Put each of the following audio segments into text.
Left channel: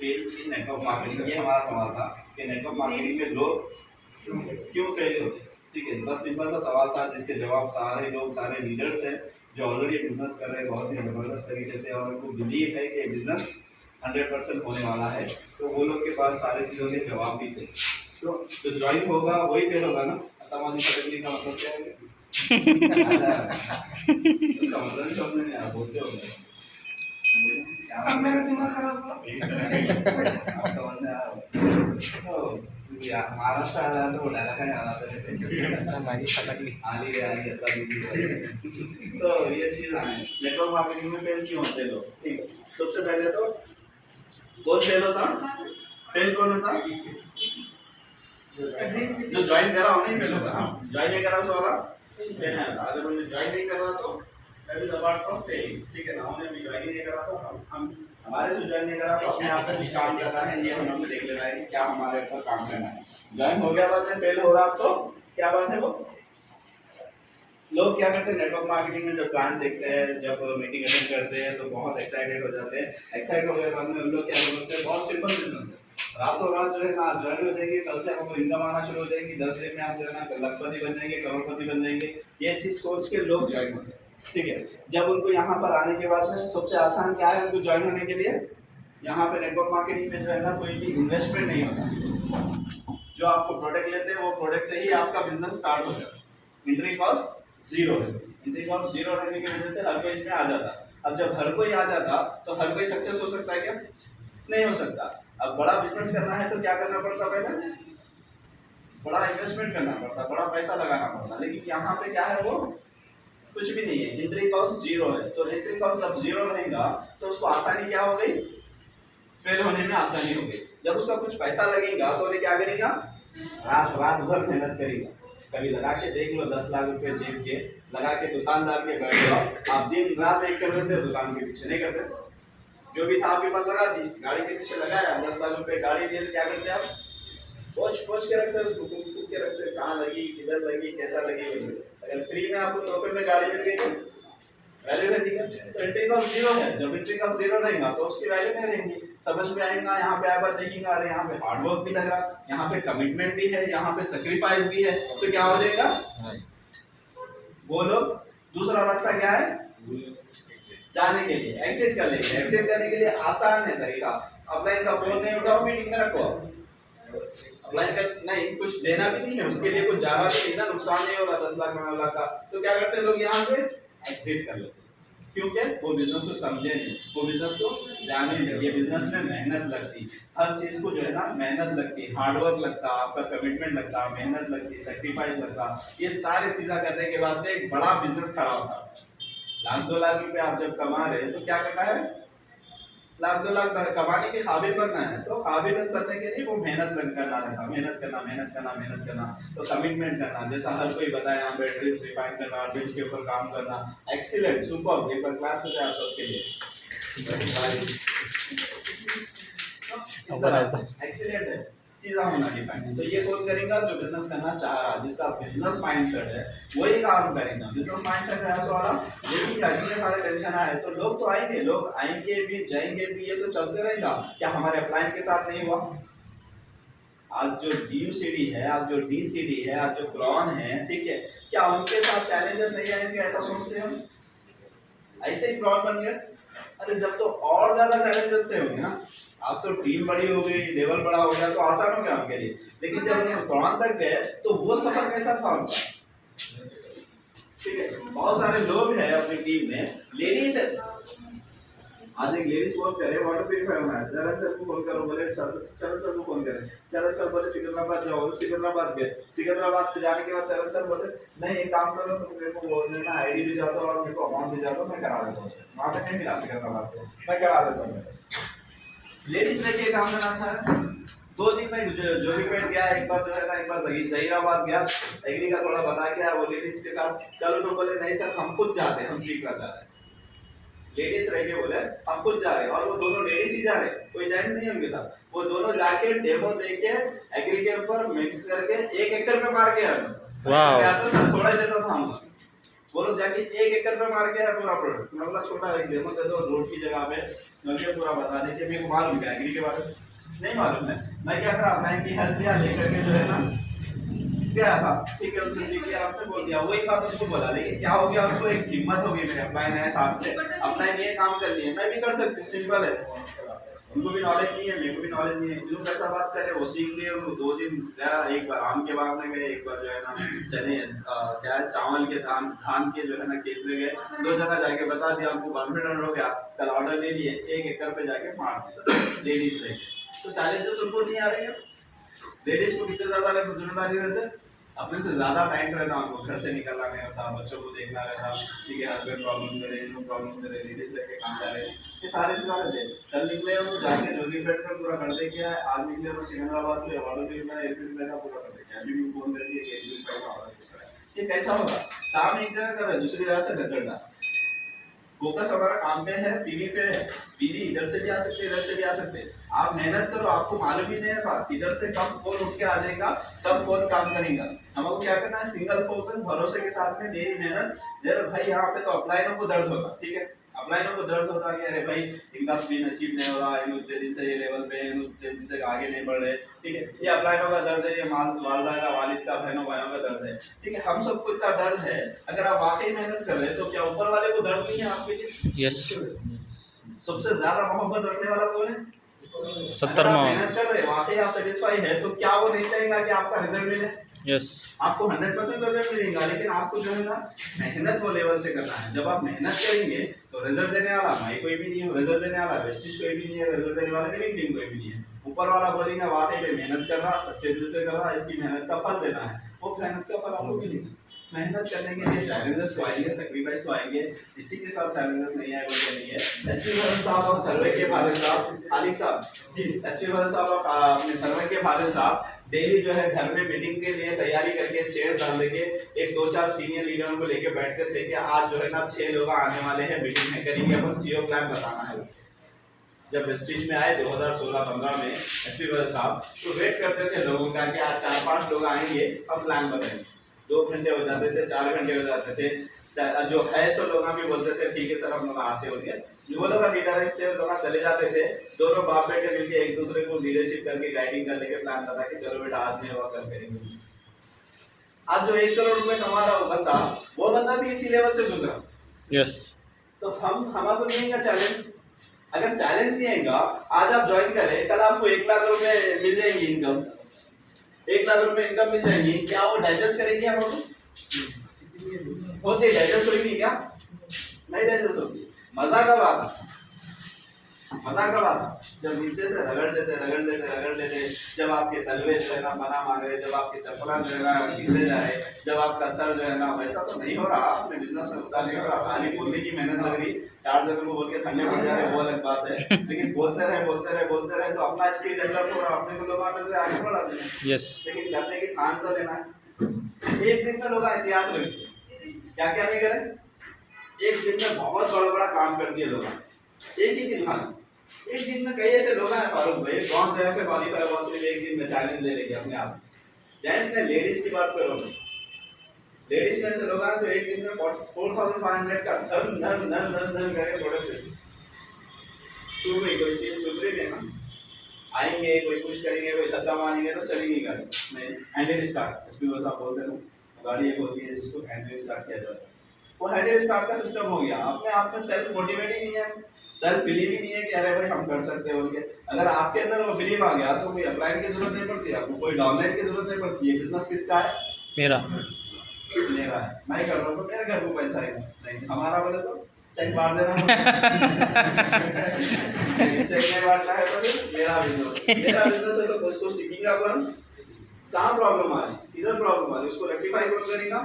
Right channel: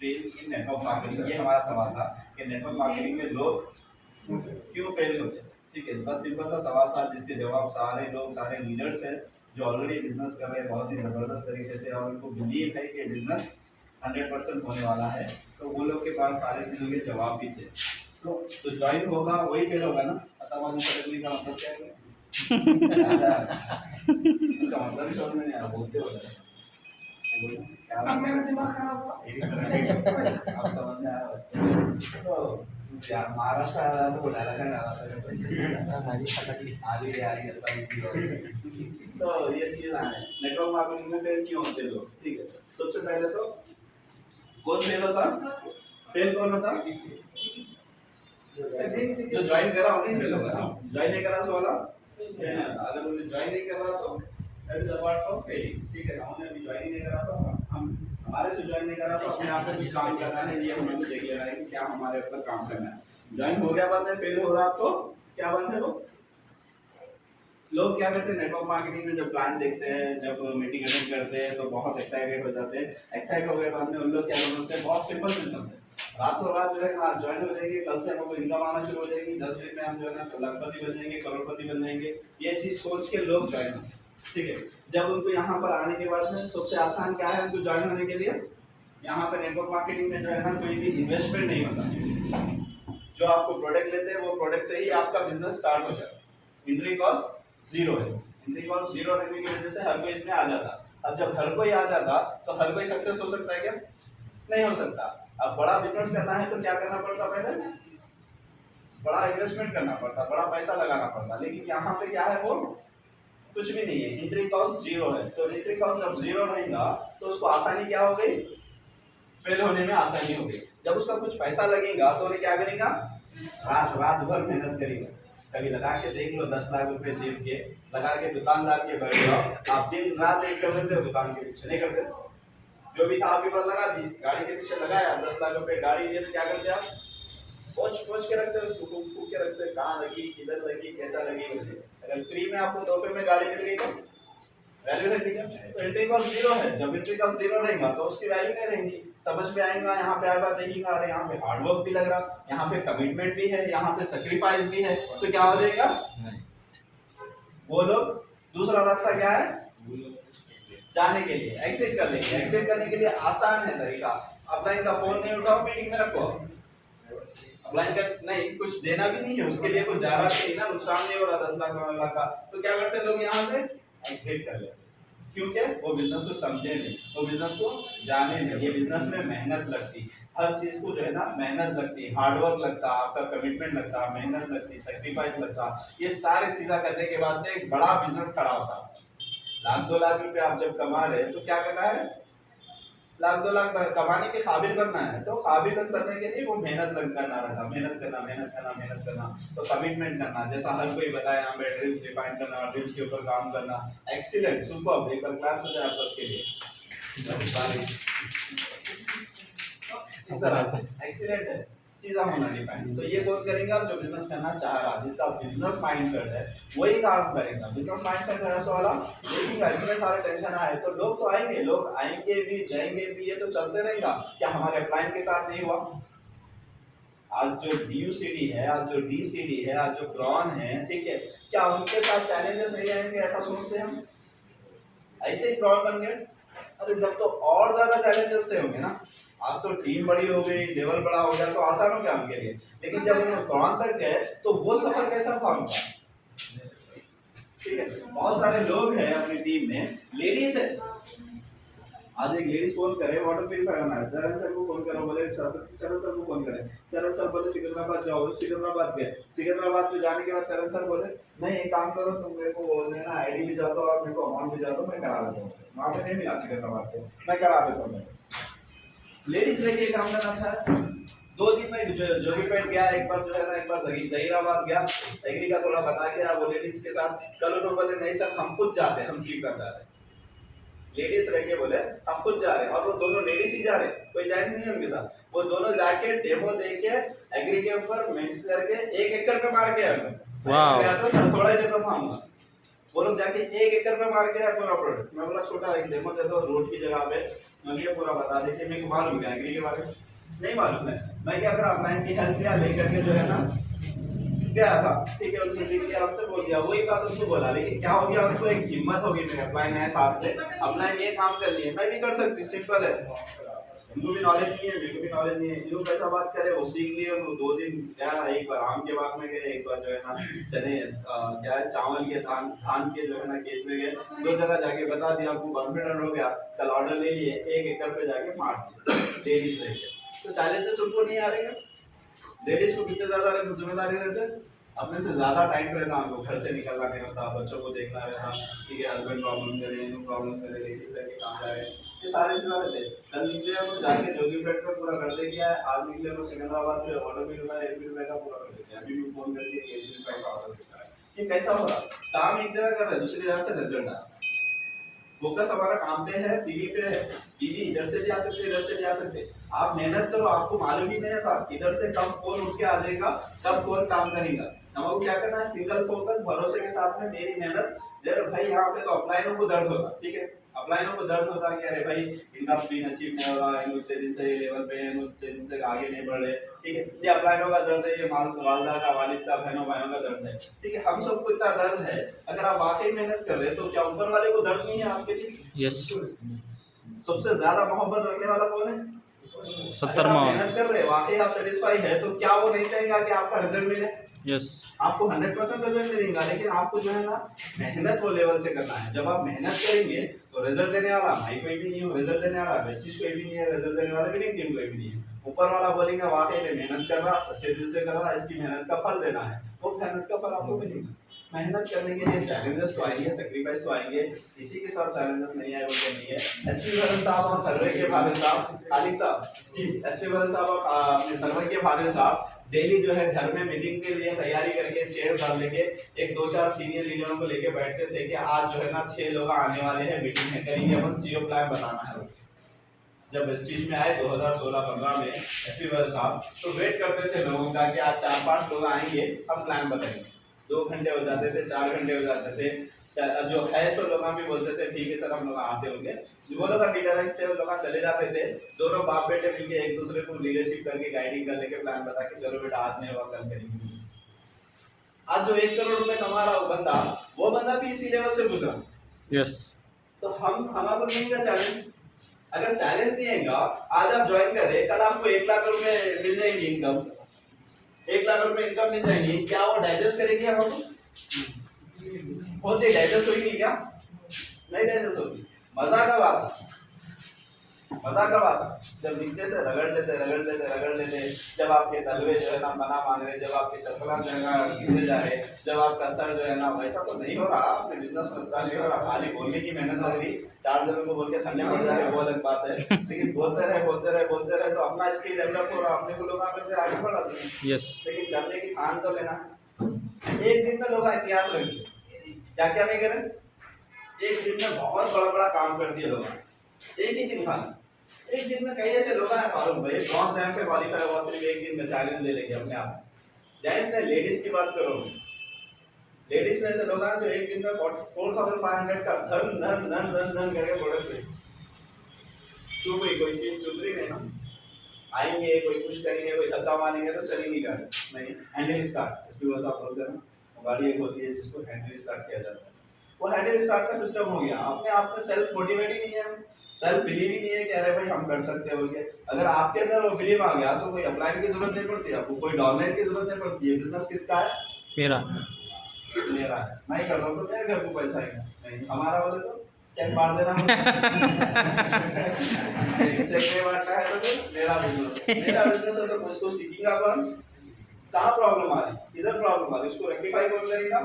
Fail इन network marketing, ये हमारा सवाल था कि नेटवर्क मार्केटिंग में लोग क्यों फेल होते हैं। ठीक है, बस सिंपल सा सवाल था जिसके जवाब सारे लोग, सारे लीडर्स हैं जो ऑलरेडी बिजनेस कर रहे हैं बहुत ही ज़बरदस्त तरीके से और उनको बिलीव है कि बिजनेस 100% होने वाला है, तो वो लोग के पास सारे चीज़ों के जवाब भी थे। तो ज्वाइन होगा वही फेल होगा ना, अतामाजी पटकने का मतलब क्या है? उसका मतलब समझ में नहीं आया, बोलते हो गए अब मेरा दिमाग खराब हुआ। आप समझ में आया तो यार महाराष्ट्र आया तो उठाया है महाराष्ट्र हमारी पकड़ी आली रे आली अल्लाह दीदी तो ये चीज है नेटवर्क मार्केटिंग में फेल क्यों होते लोग। ठीक है, सबसे पहले तो कौन फेल होता, फेल कौन होता, जो ज्वाइन करा उन्हें फेल होगा ना, ज्वाइन नहीं करा सो वाला फेल नहीं होता। अगर उन्हें ज्वाइन नहीं करा तो that is apart from failing. ठीक है ना, उन्हें भी ज्वाइन नहीं करा तो हम हमारे से ज्वाइन नहीं करा तो अपने आप से कुछ काम करना है, ये हमें देख लेना है कि क्या हमारे ऊपर काम करना है। ज्वाइन हो गया बाद में फेल हो रहा तो क्या बात है, वो लोग क्या करते हैं नेटवर्क मार्केटिंग में जब प्लान देखते हैं, जब मीटिंग अटेंड करते हैं तो बहुत एक्साइटेड हो जाते हैं। एक्साइटेड होने के बाद में उन लोग क्या बोलते हैं, बहुत सिंपल बिजनेस है, रातों रात जो है ना ज्वाइन हो जाएंगे, कल से आपको इनकम आना शुरू हो जाएगी, 10 दिन में आप जो है ना लखपति बन जाएंगे, करोड़पति बन जाएंगे। ये चीज सोच के लोग ज्वाइन होते हैं। ठीक है, जब उनको यहाँ पर आने के बाद में सबसे आसान क्या है उनको ज्वाइन होने के लिए, यहाँ पे नेटवर्क मार्केटिंग में जो है ना कोई भी इन्वेस्टमेंट नहीं होता। जो आपको प्रोडक्ट लेते हैं वो प्रोडक्ट से ही आपका बिजनेस स्टार्ट हो जाता है। एंट्री कॉस्ट जीरो है, एंट्री कॉस्ट जीरो रहने की वजह से हर कोई इसमें आ जाता। अब जब हर कोई आ जाता तो हर कोई सक्सेस हो सकता है क्या, नहीं हो सकता। अब बड़ा बिजनेस करना है तो क्या करना पड़ता, पहले बड़ा इन्वेस्टमेंट करना पड़ता, बड़ा पैसा लगाना पड़ता, लेकिन यहाँ पे क्या है वो कुछ भी नहीं है, एंट्री कॉस्ट जीरो है। तो एंट्री कॉस्ट जब जीरो रहेगा तो उसको आसानी क्या हो गई, फेल होने में आसानी हो गई। जब उसका कुछ पैसा लगेगा तो उन्हें क्या करेगा, रात भर मेहनत करेगा। कभी लगा के देख लो 10 लाख रुपए जेब के लगा के दुकानदार के बैठ जाओ, आप दिन रात एक कर लेते हो दुकान के पीछे, नहीं करते, जो भी था आपके पास लगा दी, गाड़ी के पीछे लगाया, 10 लाख रुपए गाड़ी लिए तो क्या करते आप, पोच के रखते हैं उसको, फूक के रखते हैं, कहाँ लगी, किधर लगी, कैसा लगी। अगर फ्री में आपको तोहफे में गाड़ी मिल गई तो वैल्यू रहती है। तो एंट्री कॉस्ट जीरो है, जब एंट्री कॉस्ट जीरो रहेगा तो उसकी वैल्यू नहीं रहेगी। समझ में आएगा, यहाँ पे आएगा देखेगा अरे यहाँ पे हार्ड वर्क भी लग रहा, यहाँ पे कमिटमेंट भी है, यहाँ पे सैक्रिफाइस भी है, तो क्या हो जाएगा, वो लोग दूसरा रास्ता क्या है जाने के लिए एग्जिट कर लेंगे। एग्जिट करने के लिए आसान है तरीका, अपलाइन का फोन नहीं उठाओ, मीटिंग में रखो, अपलाइन का नहीं, कुछ देना भी नहीं है उसके लिए, कुछ जाना भी नहीं ना, नुकसान नहीं हो रहा 10 लाख 9 लाख का, तो क्या करते हैं लोग यहाँ से एग्जिट कर लेते हैं। क्योंकि वो बिजनेस को समझे नहीं, वो बिजनेस को जाने नहीं। ये बिजनेस में मेहनत लगती, हर चीज को जो है ना मेहनत लगती, हार्डवर्क लगता, आपका कमिटमेंट लगता, मेहनत लगती, सेक्रीफाइस लगता, ये सारी चीजें करने के बाद में एक बड़ा बिजनेस खड़ा होता। लाख 2 लाख रुपए आप जब कमा रहे हैं तो क्या करना है, लाख 2 लाख कमाने के काबिल बनना है, तो काबिल बनने के लिए वो मेहनत करना रहता, मेहनत करना, तो कमिटमेंट करना, जैसा हर कोई बताया यहाँ पे ड्रीम्स डिफाइन करना, ड्रीम्स के ऊपर काम करना। एक्सीलेंट, सुपर, एक बार क्लैप्स हो जाए आप सबके लिए। एक्सीलेंट है, चीज़ा होना डिफाइन। तो ये कौन करेगा, जो बिजनेस करना चाह रहा, जिसका बिजनेस माइंडसेट है वही काम करेगा। बिजनेस माइंडसेट है ऐसा वाला, लेकिन इतने सारे टेंशन आए तो लोग तो आएंगे, लोग आएंगे भी जाएंगे भी, ये तो चलते रहेगा। क्या हमारे अपलाइन के साथ नहीं हुआ, आज जो DUCD है, आज जो DCD है, आज जो क्रॉन है, ठीक है, क्या उनके साथ चैलेंजेस नहीं आएंगे, ऐसा सोचते हैं हम, ऐसे ही क्रॉन बन गए। अरे जब तो और ज्यादा चैलेंजेस थे होंगे ना, आज तो टीम बड़ी हो गई, लेवल बड़ा हो गया तो आसान हो गया उनके लिए, लेकिन जब उन्हें क्रॉन तक गए तो वो सफर कैसा था उनका। ठीक है, बहुत सारे लोग हैं अपनी टीम में, लेडीज है, आज एक लेडीज फोन करे वाटर प्यूरिफायर होना है, चरण सर को फोन करो, बोले चरण सर को फोन करें, चरण सर बोले सिकंदराबाद जाओ, सिकंदराबाद गए, सिकंदराबाद में जाने के बाद चरण सर बोले नहीं एक काम करो तुम मेरे को बोलने ना आईडी भी जाता और मेरे को अमाउंट भी जाता, मैं करा देता हूँ, वहाँ पे नहीं मिला सिकंदराबाद पे, मैं करा देता हूँ। लेडीज लेके काम करना अच्छा है। 2 दिन में जोगीपेट गया, एक बार जो है ना, एक बार जहीराबाद गया, एग्री का थोड़ा बता के वो लेडीज के साथ, कल तो बोले नहीं सर हम खुद जाते, हम सीखना चाह रहे हैं, लेडीज रह के बोले हम खुद जा रहे हैं, और वो दोनों लेडीज ही जा रहे, कोई जेंट्स नहीं है उनके साथ, वो दोनों जाके डेमो देके एग्री के ऊपर मिक्स करके 1 एकड़ पे मार के आए। वाह, तो छोड़ा ही देता था हम, वो लोग जाके 1 एकड़ पे मार के आए पूरा प्रोडक्ट। मैं बोला छोटा एक डेमो दे दो रोड की जगह पे, मुझे पूरा बता दीजिए, मेरे को मालूम क्या एग्री के बारे में नहीं मालूम है। मैं क्या करा, बैंक की हेल्प लिया, लेकर के जो है ना गया था, ठीक है, उनसे सीख लिया, आपसे बोल दिया, वही बात उसको बोला। लेकिन क्या हो गया, उनको एक हिम्मत होगी, मेरे अपलाइन है साथ में, अपलाइन ये काम कर लिए, मैं भी कर सकती हूँ, सिंपल है। उनको भी नॉलेज नहीं है, मेरे को भी नॉलेज नहीं है, जो पैसा बात करे वो सीख लिए। उनको 2 दिन गया, एक बार आम के बाग में गए, एक बार जो है ना चने क्या है चावल के धान के जो है ना खेत में गए, 2 जगह जाके बता दिया, हमको कॉन्फिडेंट हो गया, कल ऑर्डर ले लिए, 1 एकड़ पे जाके मार दिया लेडीज लेके। तो चैलेंजेस उनको नहीं आ रहे हैं। लेडीज को कितने ज्यादा जिम्मेदारी रहते हैं, अपने से ज्यादा टाइम रहता है, हमको घर से निकलना नहीं होता, बच्चों को देखना रहता, ठीक है, हस्बैंड प्रॉब्लम में रहे, नो प्रॉब्लम में रहे, लेडीज लेके काम जा रहे हैं, ये सारी चीजें रहते हैं। कल निकले हम जाके जोगी पेट में पूरा कर दे किया है, आज निकले हम सिकंदराबाद में ऑर्डर भी मैं 1 रुपए का पूरा कर दिया, अभी भी फोन करके 1 रुपए का ऑर्डर दे रहा है। ये कैसा होगा, काम एक जगह कर रहे हैं, दूसरी जगह से रिजल्ट आ रहा है। फोकस हमारा काम पे है, पीवी पे है, पीवी इधर से भी आ सकते, इधर से भी आ सकते। आप मेहनत करो, आपको मालूम ही नहीं था इधर से कब कौन उठ के आ जाएगा, कब कौन काम करेगा। हमको क्या करना है, सिंगल फोकस, भरोसे के साथ में मेरी मेहनत। यार भाई यहाँ पे तो अपलाइनों को दर्द होता, ठीक है, अपलाइनों को दर्द होता कि अरे भाई इनका स्पिन अचीव नहीं हो रहा, इन उतने दिन से ये लेवल पे है, इन उतने दिन से आगे नहीं बढ़ रहे, ठीक है, ये अपलाइनों का दर्द है, ये वालदा का, वालिद का, बहनों भाइयों का दर्द है, ठीक है, हम सबको इतना दर्द है। अगर आप वाकई मेहनत कर रहे हैं तो क्या ऊपर वाले को दर्द नहीं है आपके लिए? यस। सबसे ज्यादा मोहब्बत रखने वाला कौन है? 70 मेहनत कर रहे हैं, वाकई आप सेटिस्फाई है, तो क्या वो नहीं चाहेगा कि आपका रिजल्ट मिले? यस। आपको 100% रिजल्ट मिलेगा, लेकिन आपको जो है ना मेहनत वो लेवल से करना है। जब आप मेहनत करेंगे तो रिजल्ट देने वाला भाई कोई भी नहीं हो, रिजल्ट देने वाला वेस्टिज कोई भी नहीं है, रिजल्ट देने वाला विनिंग टीम कोई भी नहीं है। ऊपर वाला बोलेगा वाकई में मेहनत कर रहा, सच्चे दिल से कर रहा, इसकी मेहनत का फल देना है, वो मेहनत का फल आपको मिलेगा। मेहनत करने के लिए चैलेंजेस तो आएंगे, सैक्रिफाइस तो आएंगे, इसी के साथ चैलेंजेस नहीं आए बोलते नहीं है। एसपी भाई साहब और सर्वे के भागल साहब, खालिक साहब जी, एसपी भाई साहब और अपने सर्वे के भागल साहब डेली जो है घर में मीटिंग के लिए तैयारी करके चेयर डाल लेके एक 2-4 सीनियर लीडरों को लेके बैठते थे कि आज जो है ना 6 लोग आने वाले हैं, मीटिंग में करेंगे, अपन सीओ प्लान बताना है। जब वेस्टिज में आए 2016-15 में एसपी साहब, तो वेट करते थे लोगों का कि आज 4-5 लोग आएंगे, हम प्लान बताएंगे। 2 घंटे हो जाते थे, 4 घंटे हो जाते थे, जो है सो लोग भी बोलते थे ठीक है सर हम लोग आते होंगे। वो लोग लीडर्स थे, वो लोग चले जाते थे, दोनों बाप बेटे मिलके एक दूसरे को लीडरशिप करके गाइडिंग करने के प्लान बता के चलो बेटा आज नहीं होगा कल करेंगे। आज जो 1 करोड़ रुपए कमा रहा वो बंदा भी इसी लेवल से गुजरा। यस। तो हम हमारा देंगे चैलेंज, अगर चैलेंज दिएगा आज आप ज्वाइन करें, कल आपको 1 लाख रुपए मिल जाएंगी इनकम, 1 लाख रुपए इनकम मिल जाएंगी, क्या वो डाइजेस्ट करेंगे हमको? होते डाइजेस्ट होगी क्या? नहीं डाइजेस्ट होगी। मजा कब आता? मजा कब आता? जब नीचे से रगड़ देते, जब आपके तलवे जो है ना बना मांगे, जब आपके चप्पला जो है ना घिसे जाए, जब आपका सर जो है ना, वैसा तो नहीं हो रहा, अपने बिजनेस में उतार नहीं हो रहा, खाली बोलने की मेहनत लग रही, 4 जगह को बोल के ठंडे पड़ जा रहे, वो अलग बात है, लेकिन बोलते रहे तो अपना स्किल डेवलप हो रहा, अपने को लोग आगे बढ़ा देंगे। यस। लेकिन करने की ठान तो लेना है। एक दिन में लोग इतिहास रखिए, क्या क्या नहीं करें, एक दिन में बहुत बड़ा काम कर दिए लोग, एक ही दिन खाना, एक दिन में कई ऐसे लोग हैं फारूक भाई ब्रॉन्ज रैंक पे क्वालीफाई हुआ सिर्फ एक दिन में, चैलेंज ले लेके अपने आप। जेंट्स ने लेडीज की बात करो, लेडीज में ऐसे लोग हैं जो एक दिन में 4500 का धन करके प्रोडक्ट चुप गई, कोई चीज चुप रही नहीं, आएंगे कोई कुछ करेंगे, कोई धक्का मारेंगे तो चलेंगी गाड़ी नहीं। हैंडल स्टार्ट एसपी साहब बोलते हैं ना, गाड़ी एक होती है जिसको हैंडल स्टार्ट किया जाता है, वो हैंडल स्टार्ट का सिस्टम हो गया। अपने आप में सेल्फ मोटिवेट ही नहीं है, सेल्फ बिलीव ही नहीं है कि अरे भाई हम कर सकते हैं बोल के। अगर आपके अंदर वो बिलीव आ गया तो कोई अपलाइन की जरूरत नहीं पड़ती, आपको कोई डाउनलाइन की जरूरत नहीं पड़ती है। बिजनेस किसका है? मेरा है, मैं कर रहा हूँ तो मेरे घर को पैसा आएगा, नहीं हमारा बोले तो चेक मार देना चेक नहीं बांटना है तो फिर मेरा बिजनेस है तो उसको सीखेगा कौन? कहाँ प्रॉब्लम आ रही, इधर प्रॉब्लम आ रही, उसको रेक्टिफाई कौन करेगा?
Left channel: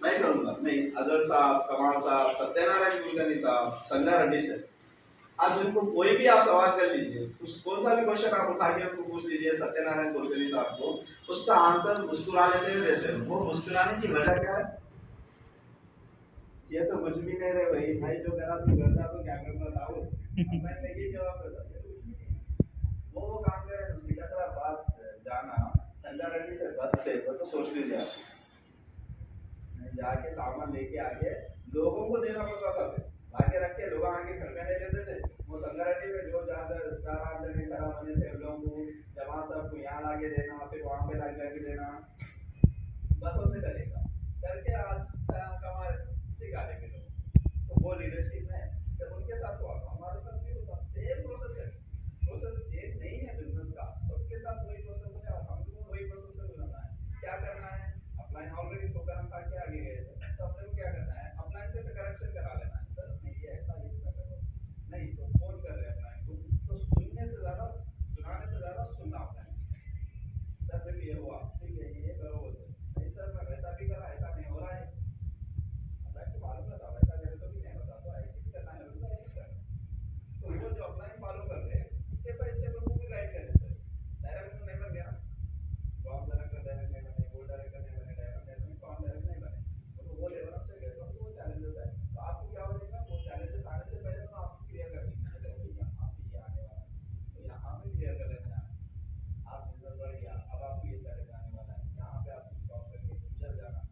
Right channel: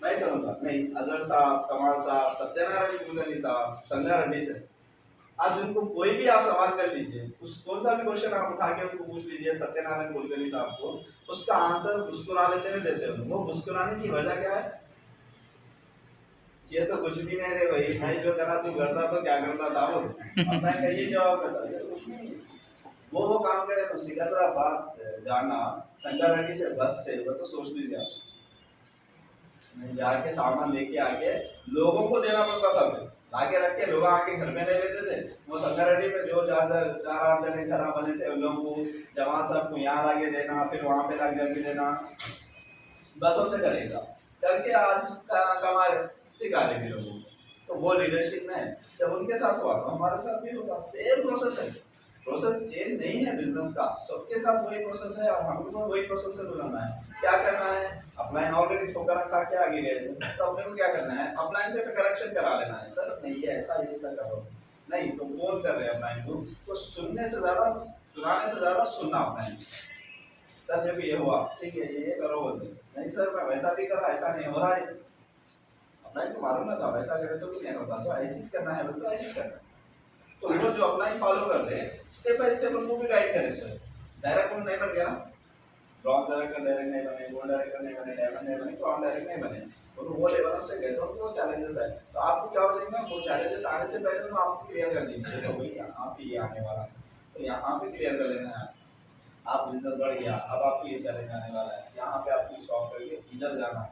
मैं करूंगा। नहीं, अजहर साहब, कमाल साहब, सत्यनारायण कुलकर्णी साहब, संध्या रेड्डी से, आज उनको कोई भी आप सवाल कर लीजिए, उस कौन सा भी क्वेश्चन आप उठा के उनको पूछ लीजिए सत्यनारायण कुलकर्णी साहब को, उसका आंसर मुस्कुरा लेते हुए देते हैं। वो मुस्कुराने की वजह क्या है? ये तो कुछ भी नहीं रे भाई, मैं जो करा तू करता तो क्या करता था वो, मैं का ये जवाब करता ये तो कुछ नहीं। वो काम करे तो सिकंदराबाद से जाना संध्या रेड्डी से बस से, वो तो सोच लीजिए आप, जाके सामान लेके आके लोगों को देना पड़ता था। लाके रख के लोग आके घर में ले लेते थे। वो संगारेड्डी पे जो 4-8 जने घर बने थे उन लोगों को जवान सबको यहाँ लाके देना, फिर वहाँ पे लाके जाके देना, बसों से करेगा करके आज कमा सिखा रहे थे लोगों को। तो वो लीडरशिप में जब उनके साथ हुआ तो हमारे साथ भी होता, सेम प्रोसेस है। प्रोसेस चेंज नहीं है बिजनेस का, सबके साथ वही प्रोसेस है और हमको वही प्रोसेस से बुलाना है। क्या करना है, अपलाइन ऑलरेडी ठोकर रखा के आगे गए थे तो अपने को क्या करना है, अपलाइन से करेक्शन करा लेना है। सर नहीं ये ऐसा करो, नहीं तो फोन कर रहे हैं अपलाइन को, तो सुनने से ज्यादा सुनाने से ज्यादा सुनना अपलाइन। सर जब ये हुआ ठीक है ये करो, बोलते नहीं सर मैं वैसा भी करा, ऐसा नहीं हो रहा है। अपलाइन को मालूम ना था वैसा करे तो भी नहीं होता, तो ऐसी करना है बोलते ऐसी करना है। तो वो जो अपलाइन फॉलो करते हैं स्टेप बाय स्टेप उनको भी गाइड करें। सर डायरेक्ट नहीं बन गया ना, ब्रॉन्ज डायरेक्टर डायरेक्ट नहीं बने, गोल्ड डायरेक्टर नहीं बने, डायमंड नहीं बने, ब्रॉन्ज डायरेक्ट नहीं बने, तो वो लेवल से गए तो उनको चैलेंजेस है। तो आपको क्या हो जाएगा, वो चैलेंजेस आने से पहले तो आपको क्लियर कर देंगे तो भाई यहाँ पे ये आने वाला, तो यहाँ पे क्लियर कर लेना है। आप बिजनेस बढ़ गया, अब आपको ये चैलेंज आने वाला है, यहाँ पे आपको सॉल्व करके इधर जाना है,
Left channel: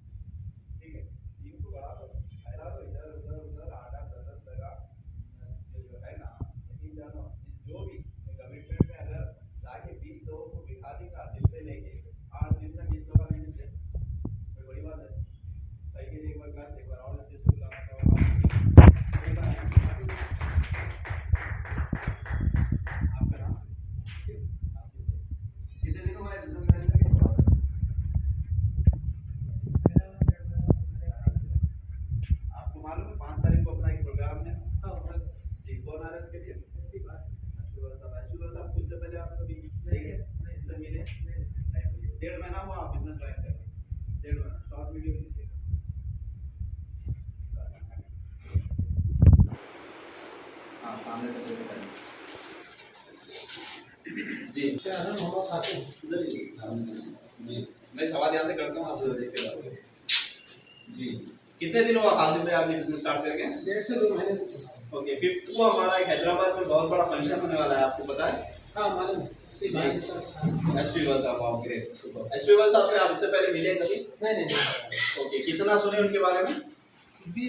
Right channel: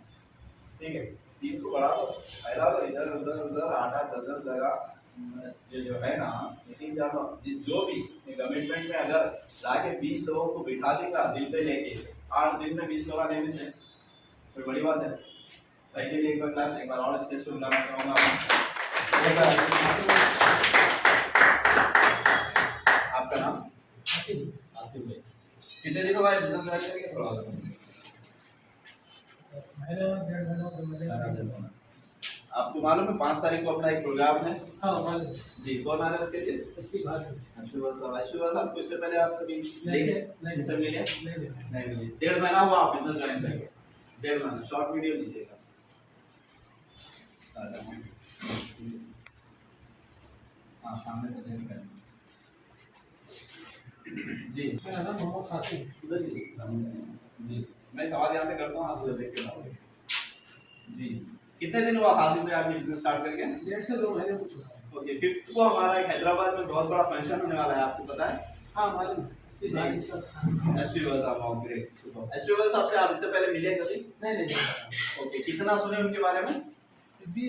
ठीक है। टीम को बढ़ा दो, फैला दो, इधर उधर उधर 8-10 लगा ये जो है ना, लेकिन जब जो भी कमिटमेंट में अगर लाके 20 लोगों को बिठा देगा दिल पे लेके, 8 दिन में 20 लोग आने में से कोई बड़ी बात है। ताकि लिए एक बार क्लास एक बार और स्टेज पे बुलाना चाहूँगा आपका नाम आसिफ भाई, कितने दिनों बाद बिजनेस में करेंगे थोड़ा आपको मालूम है 5 तारीख को अपना एक प्रोग्राम है। हाँ मालूम जी कौन आ रहा है उसके लिए? इसकी बात एसपी साहब को इससे पहले आप कभी देखे नहीं इनसे मिले? नहीं नहीं मिले। 1.5 महीना हुआ आप बिजनेस ज्वाइन करके, 1.5 महीना। शॉर्ट वीडियो लीजिएगा हाँ सामने तक जी क्या नाम मोहम्मद कासिम। उधर जी मैं सवाल यहाँ से करता हूँ आपसे देख के जी। कितने दिन हुआ हासिल में आपने बिजनेस स्टार्ट करके? 1.5 से 2 महीने कुछ। ओके 5th को हमारा एक हैदराबाद में बहुत बड़ा फंक्शन होने वाला है, आपको पता है? हाँ मालूम है। एसपी वाल साहब ग्रेट सुपर। एसपी वाल साहब से आप इससे पहले मिले कभी? नहीं ओके कितना सुने उनके बारे में?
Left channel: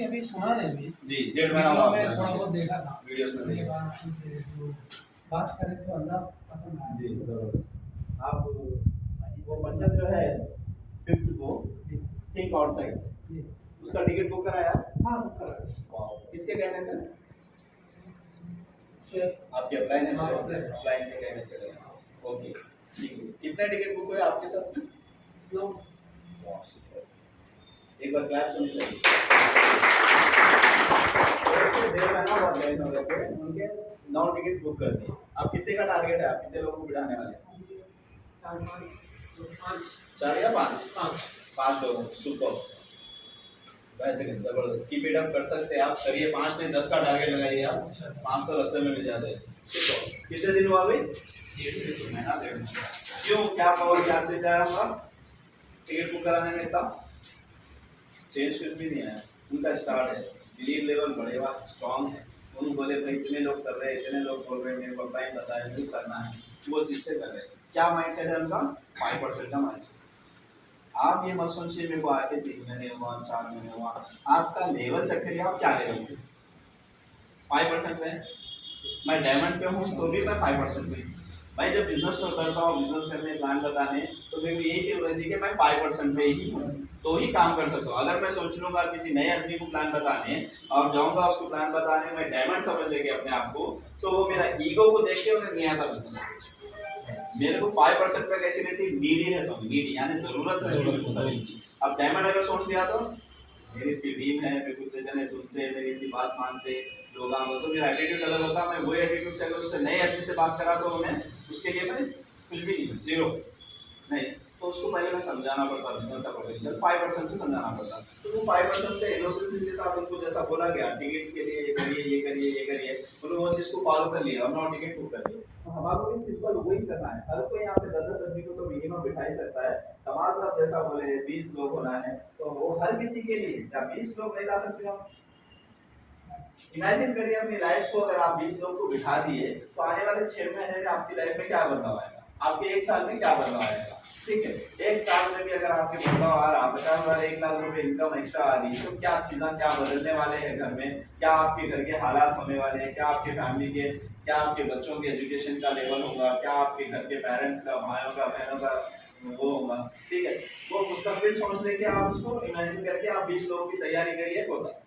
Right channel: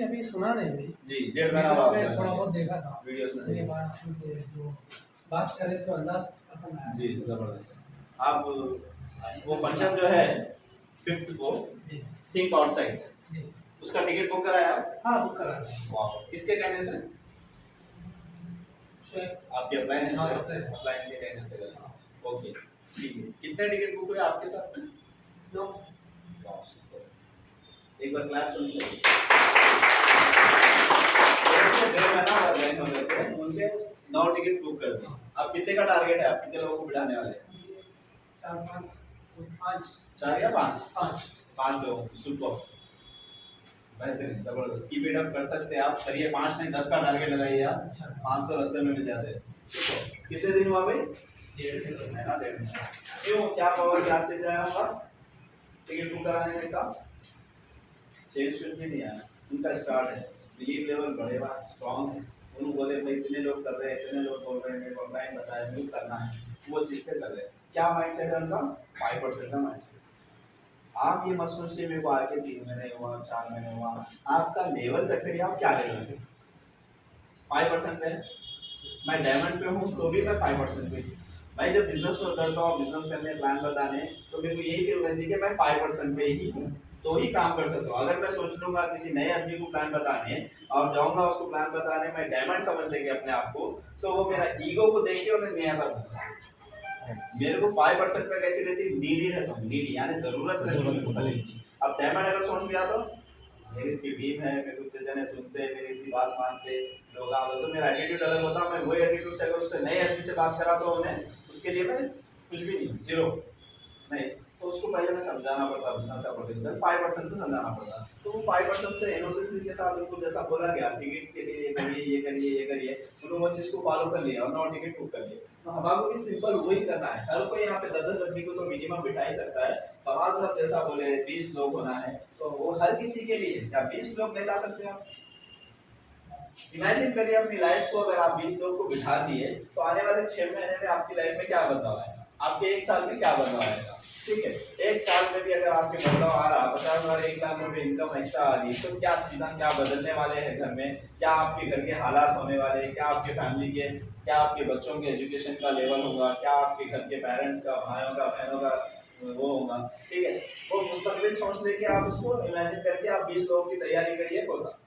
अभी सुना नहीं अभी जी 1.5 महीना हुआ मैं थोड़ा बहुत देखा था वीडियोस में उसके बाद उनसे जो बात कर रहे सो अंदाज पसंद आया जी जबरदस्त। आप वो फंक्शन जो है 5th को जी थिंक आउटसाइड, जी उसका टिकट बुक कराया आप? हाँ बुक करा वाह किसके कहने से? शेख आपके अपलाइन है? हाँ, अपलाइन के कहने से गया। ओके ठीक है। कितने टिकट बुक हुए आपके साथ में? 2 वाह सुपर, एक बार क्लैप होनी चाहिए। उनके 9 टिकट बुक कर दिए। अब कितने का टारगेट है, आप कितने लोगों को बिठाने वाले हैं? 4 या 5? 5 लोग सुपर बेहतरीन जबरदस्त। कीप इट अप, कर सकते हैं आप, करिए। 5 नहीं 10 का टारगेट लगाइए आप, 5 तो रास्ते में मिल जाते हैं। सुपर। कितने दिन हुआ भाई? 1.5 से 2 महीना 1.5 महीना। क्यों क्या पावर क्या चीज है आपका टिकट बुक कराने में? इतना चेंज कुछ भी नहीं आया, उनका स्टार्ट है, बिलीव लेवल बढ़ेगा, स्ट्रांग है। उन्होंने बोले भाई इतने लोग कर रहे हैं, इतने लोग बोल रहे हैं, मेरे को टाइम बताया मुझे करना है, वो चीज़ से कर रहे हैं। क्या माइंडसेट है उनका? 5% का माइंडसेट। आप ये मत सोचिए मेरे को आके 3 महीने हुआ 4 महीने हुआ, आपका लेवल चेक करिए आप क्या लेवल पे 5% पे। मैं डायमंड पे हूँ तो भी मैं 5% पे। भाई जब बिजनेस में करता हूँ, बिजनेस करने प्लान बताने, तो मेरे को यही फील रहती है कि मैं 5% पे ही हूँ तो ही काम कर सकता हूँ। अगर मैं सोच लूंगा किसी नए आदमी को प्लान बताने और जाऊंगा उसको प्लान बताने, मैं डायमंड समझ लेके अपने आप को, तो वो मेरा ईगो को देख के उन्हें नहीं आता बिजनेस। मेरे को 5% पे कैसी रहती, नीडी रहता हूँ, नीडी यानी जरूरत रहती है। अब डायमंड अगर सोच लिया तो मेरी टीम है, मेरे को जने सुनते हैं, मेरी इतनी बात मानते लोग आगे, तो मेरा एटीट्यूड अलग होता। मैं वही एटीट्यूड से अगर उससे नए आदमी से बात करा तो उन्हें उसके लिए मैं कुछ भी नहीं, जीरो नहीं, तो उसको पहले मैं समझाना पड़ता, बिजनेस का पोटेंशियल 5% से समझाना पड़ता। तो वो 5% से इनोसेंसी के साथ उनको जैसा बोला गया टिकट्स के लिए ये करिए ये करिए ये करिए, उन्होंने वो चीज़ को फॉलो कर लिया और 9 टिकट बुक कर लिए। तो हमारे भी सिंपल वही करना है। हर कोई यहाँ पे 10-10 आदमी को तो मिनिमम बिठा ही सकता है। कमाल साहब जैसा बोले 20 लोग होना है, तो वो हर किसी के लिए क्या 20 लोग नहीं ला सकते आप? इमेजिन करिए अपनी लाइफ को, अगर आप 20 लोग को बिठा दिए तो आने वाले 6 महीने में आपकी लाइफ में क्या बदलाव आएगा? आपके एक साल में क्या बदलाव आएगा। ठीक है, एक साल में भी अगर आपके बदलाव आ रहा 50,000 1 लाख रुपए इनकम एक्स्ट्रा आ रही तो क्या चीज़ें क्या बदलने वाले हैं घर में, क्या आपके घर के हालात होने वाले हैं, क्या आपके फैमिली के, क्या आपके बच्चों के एजुकेशन का लेवल होगा, क्या आपके घर के पेरेंट्स का, भाइयों का, बहनों का वो होगा। ठीक है, वो मुस्तकबिल सोच लेके आप उसको इमेजिन करके आप 20 लोगों की तैयारी करिए। होता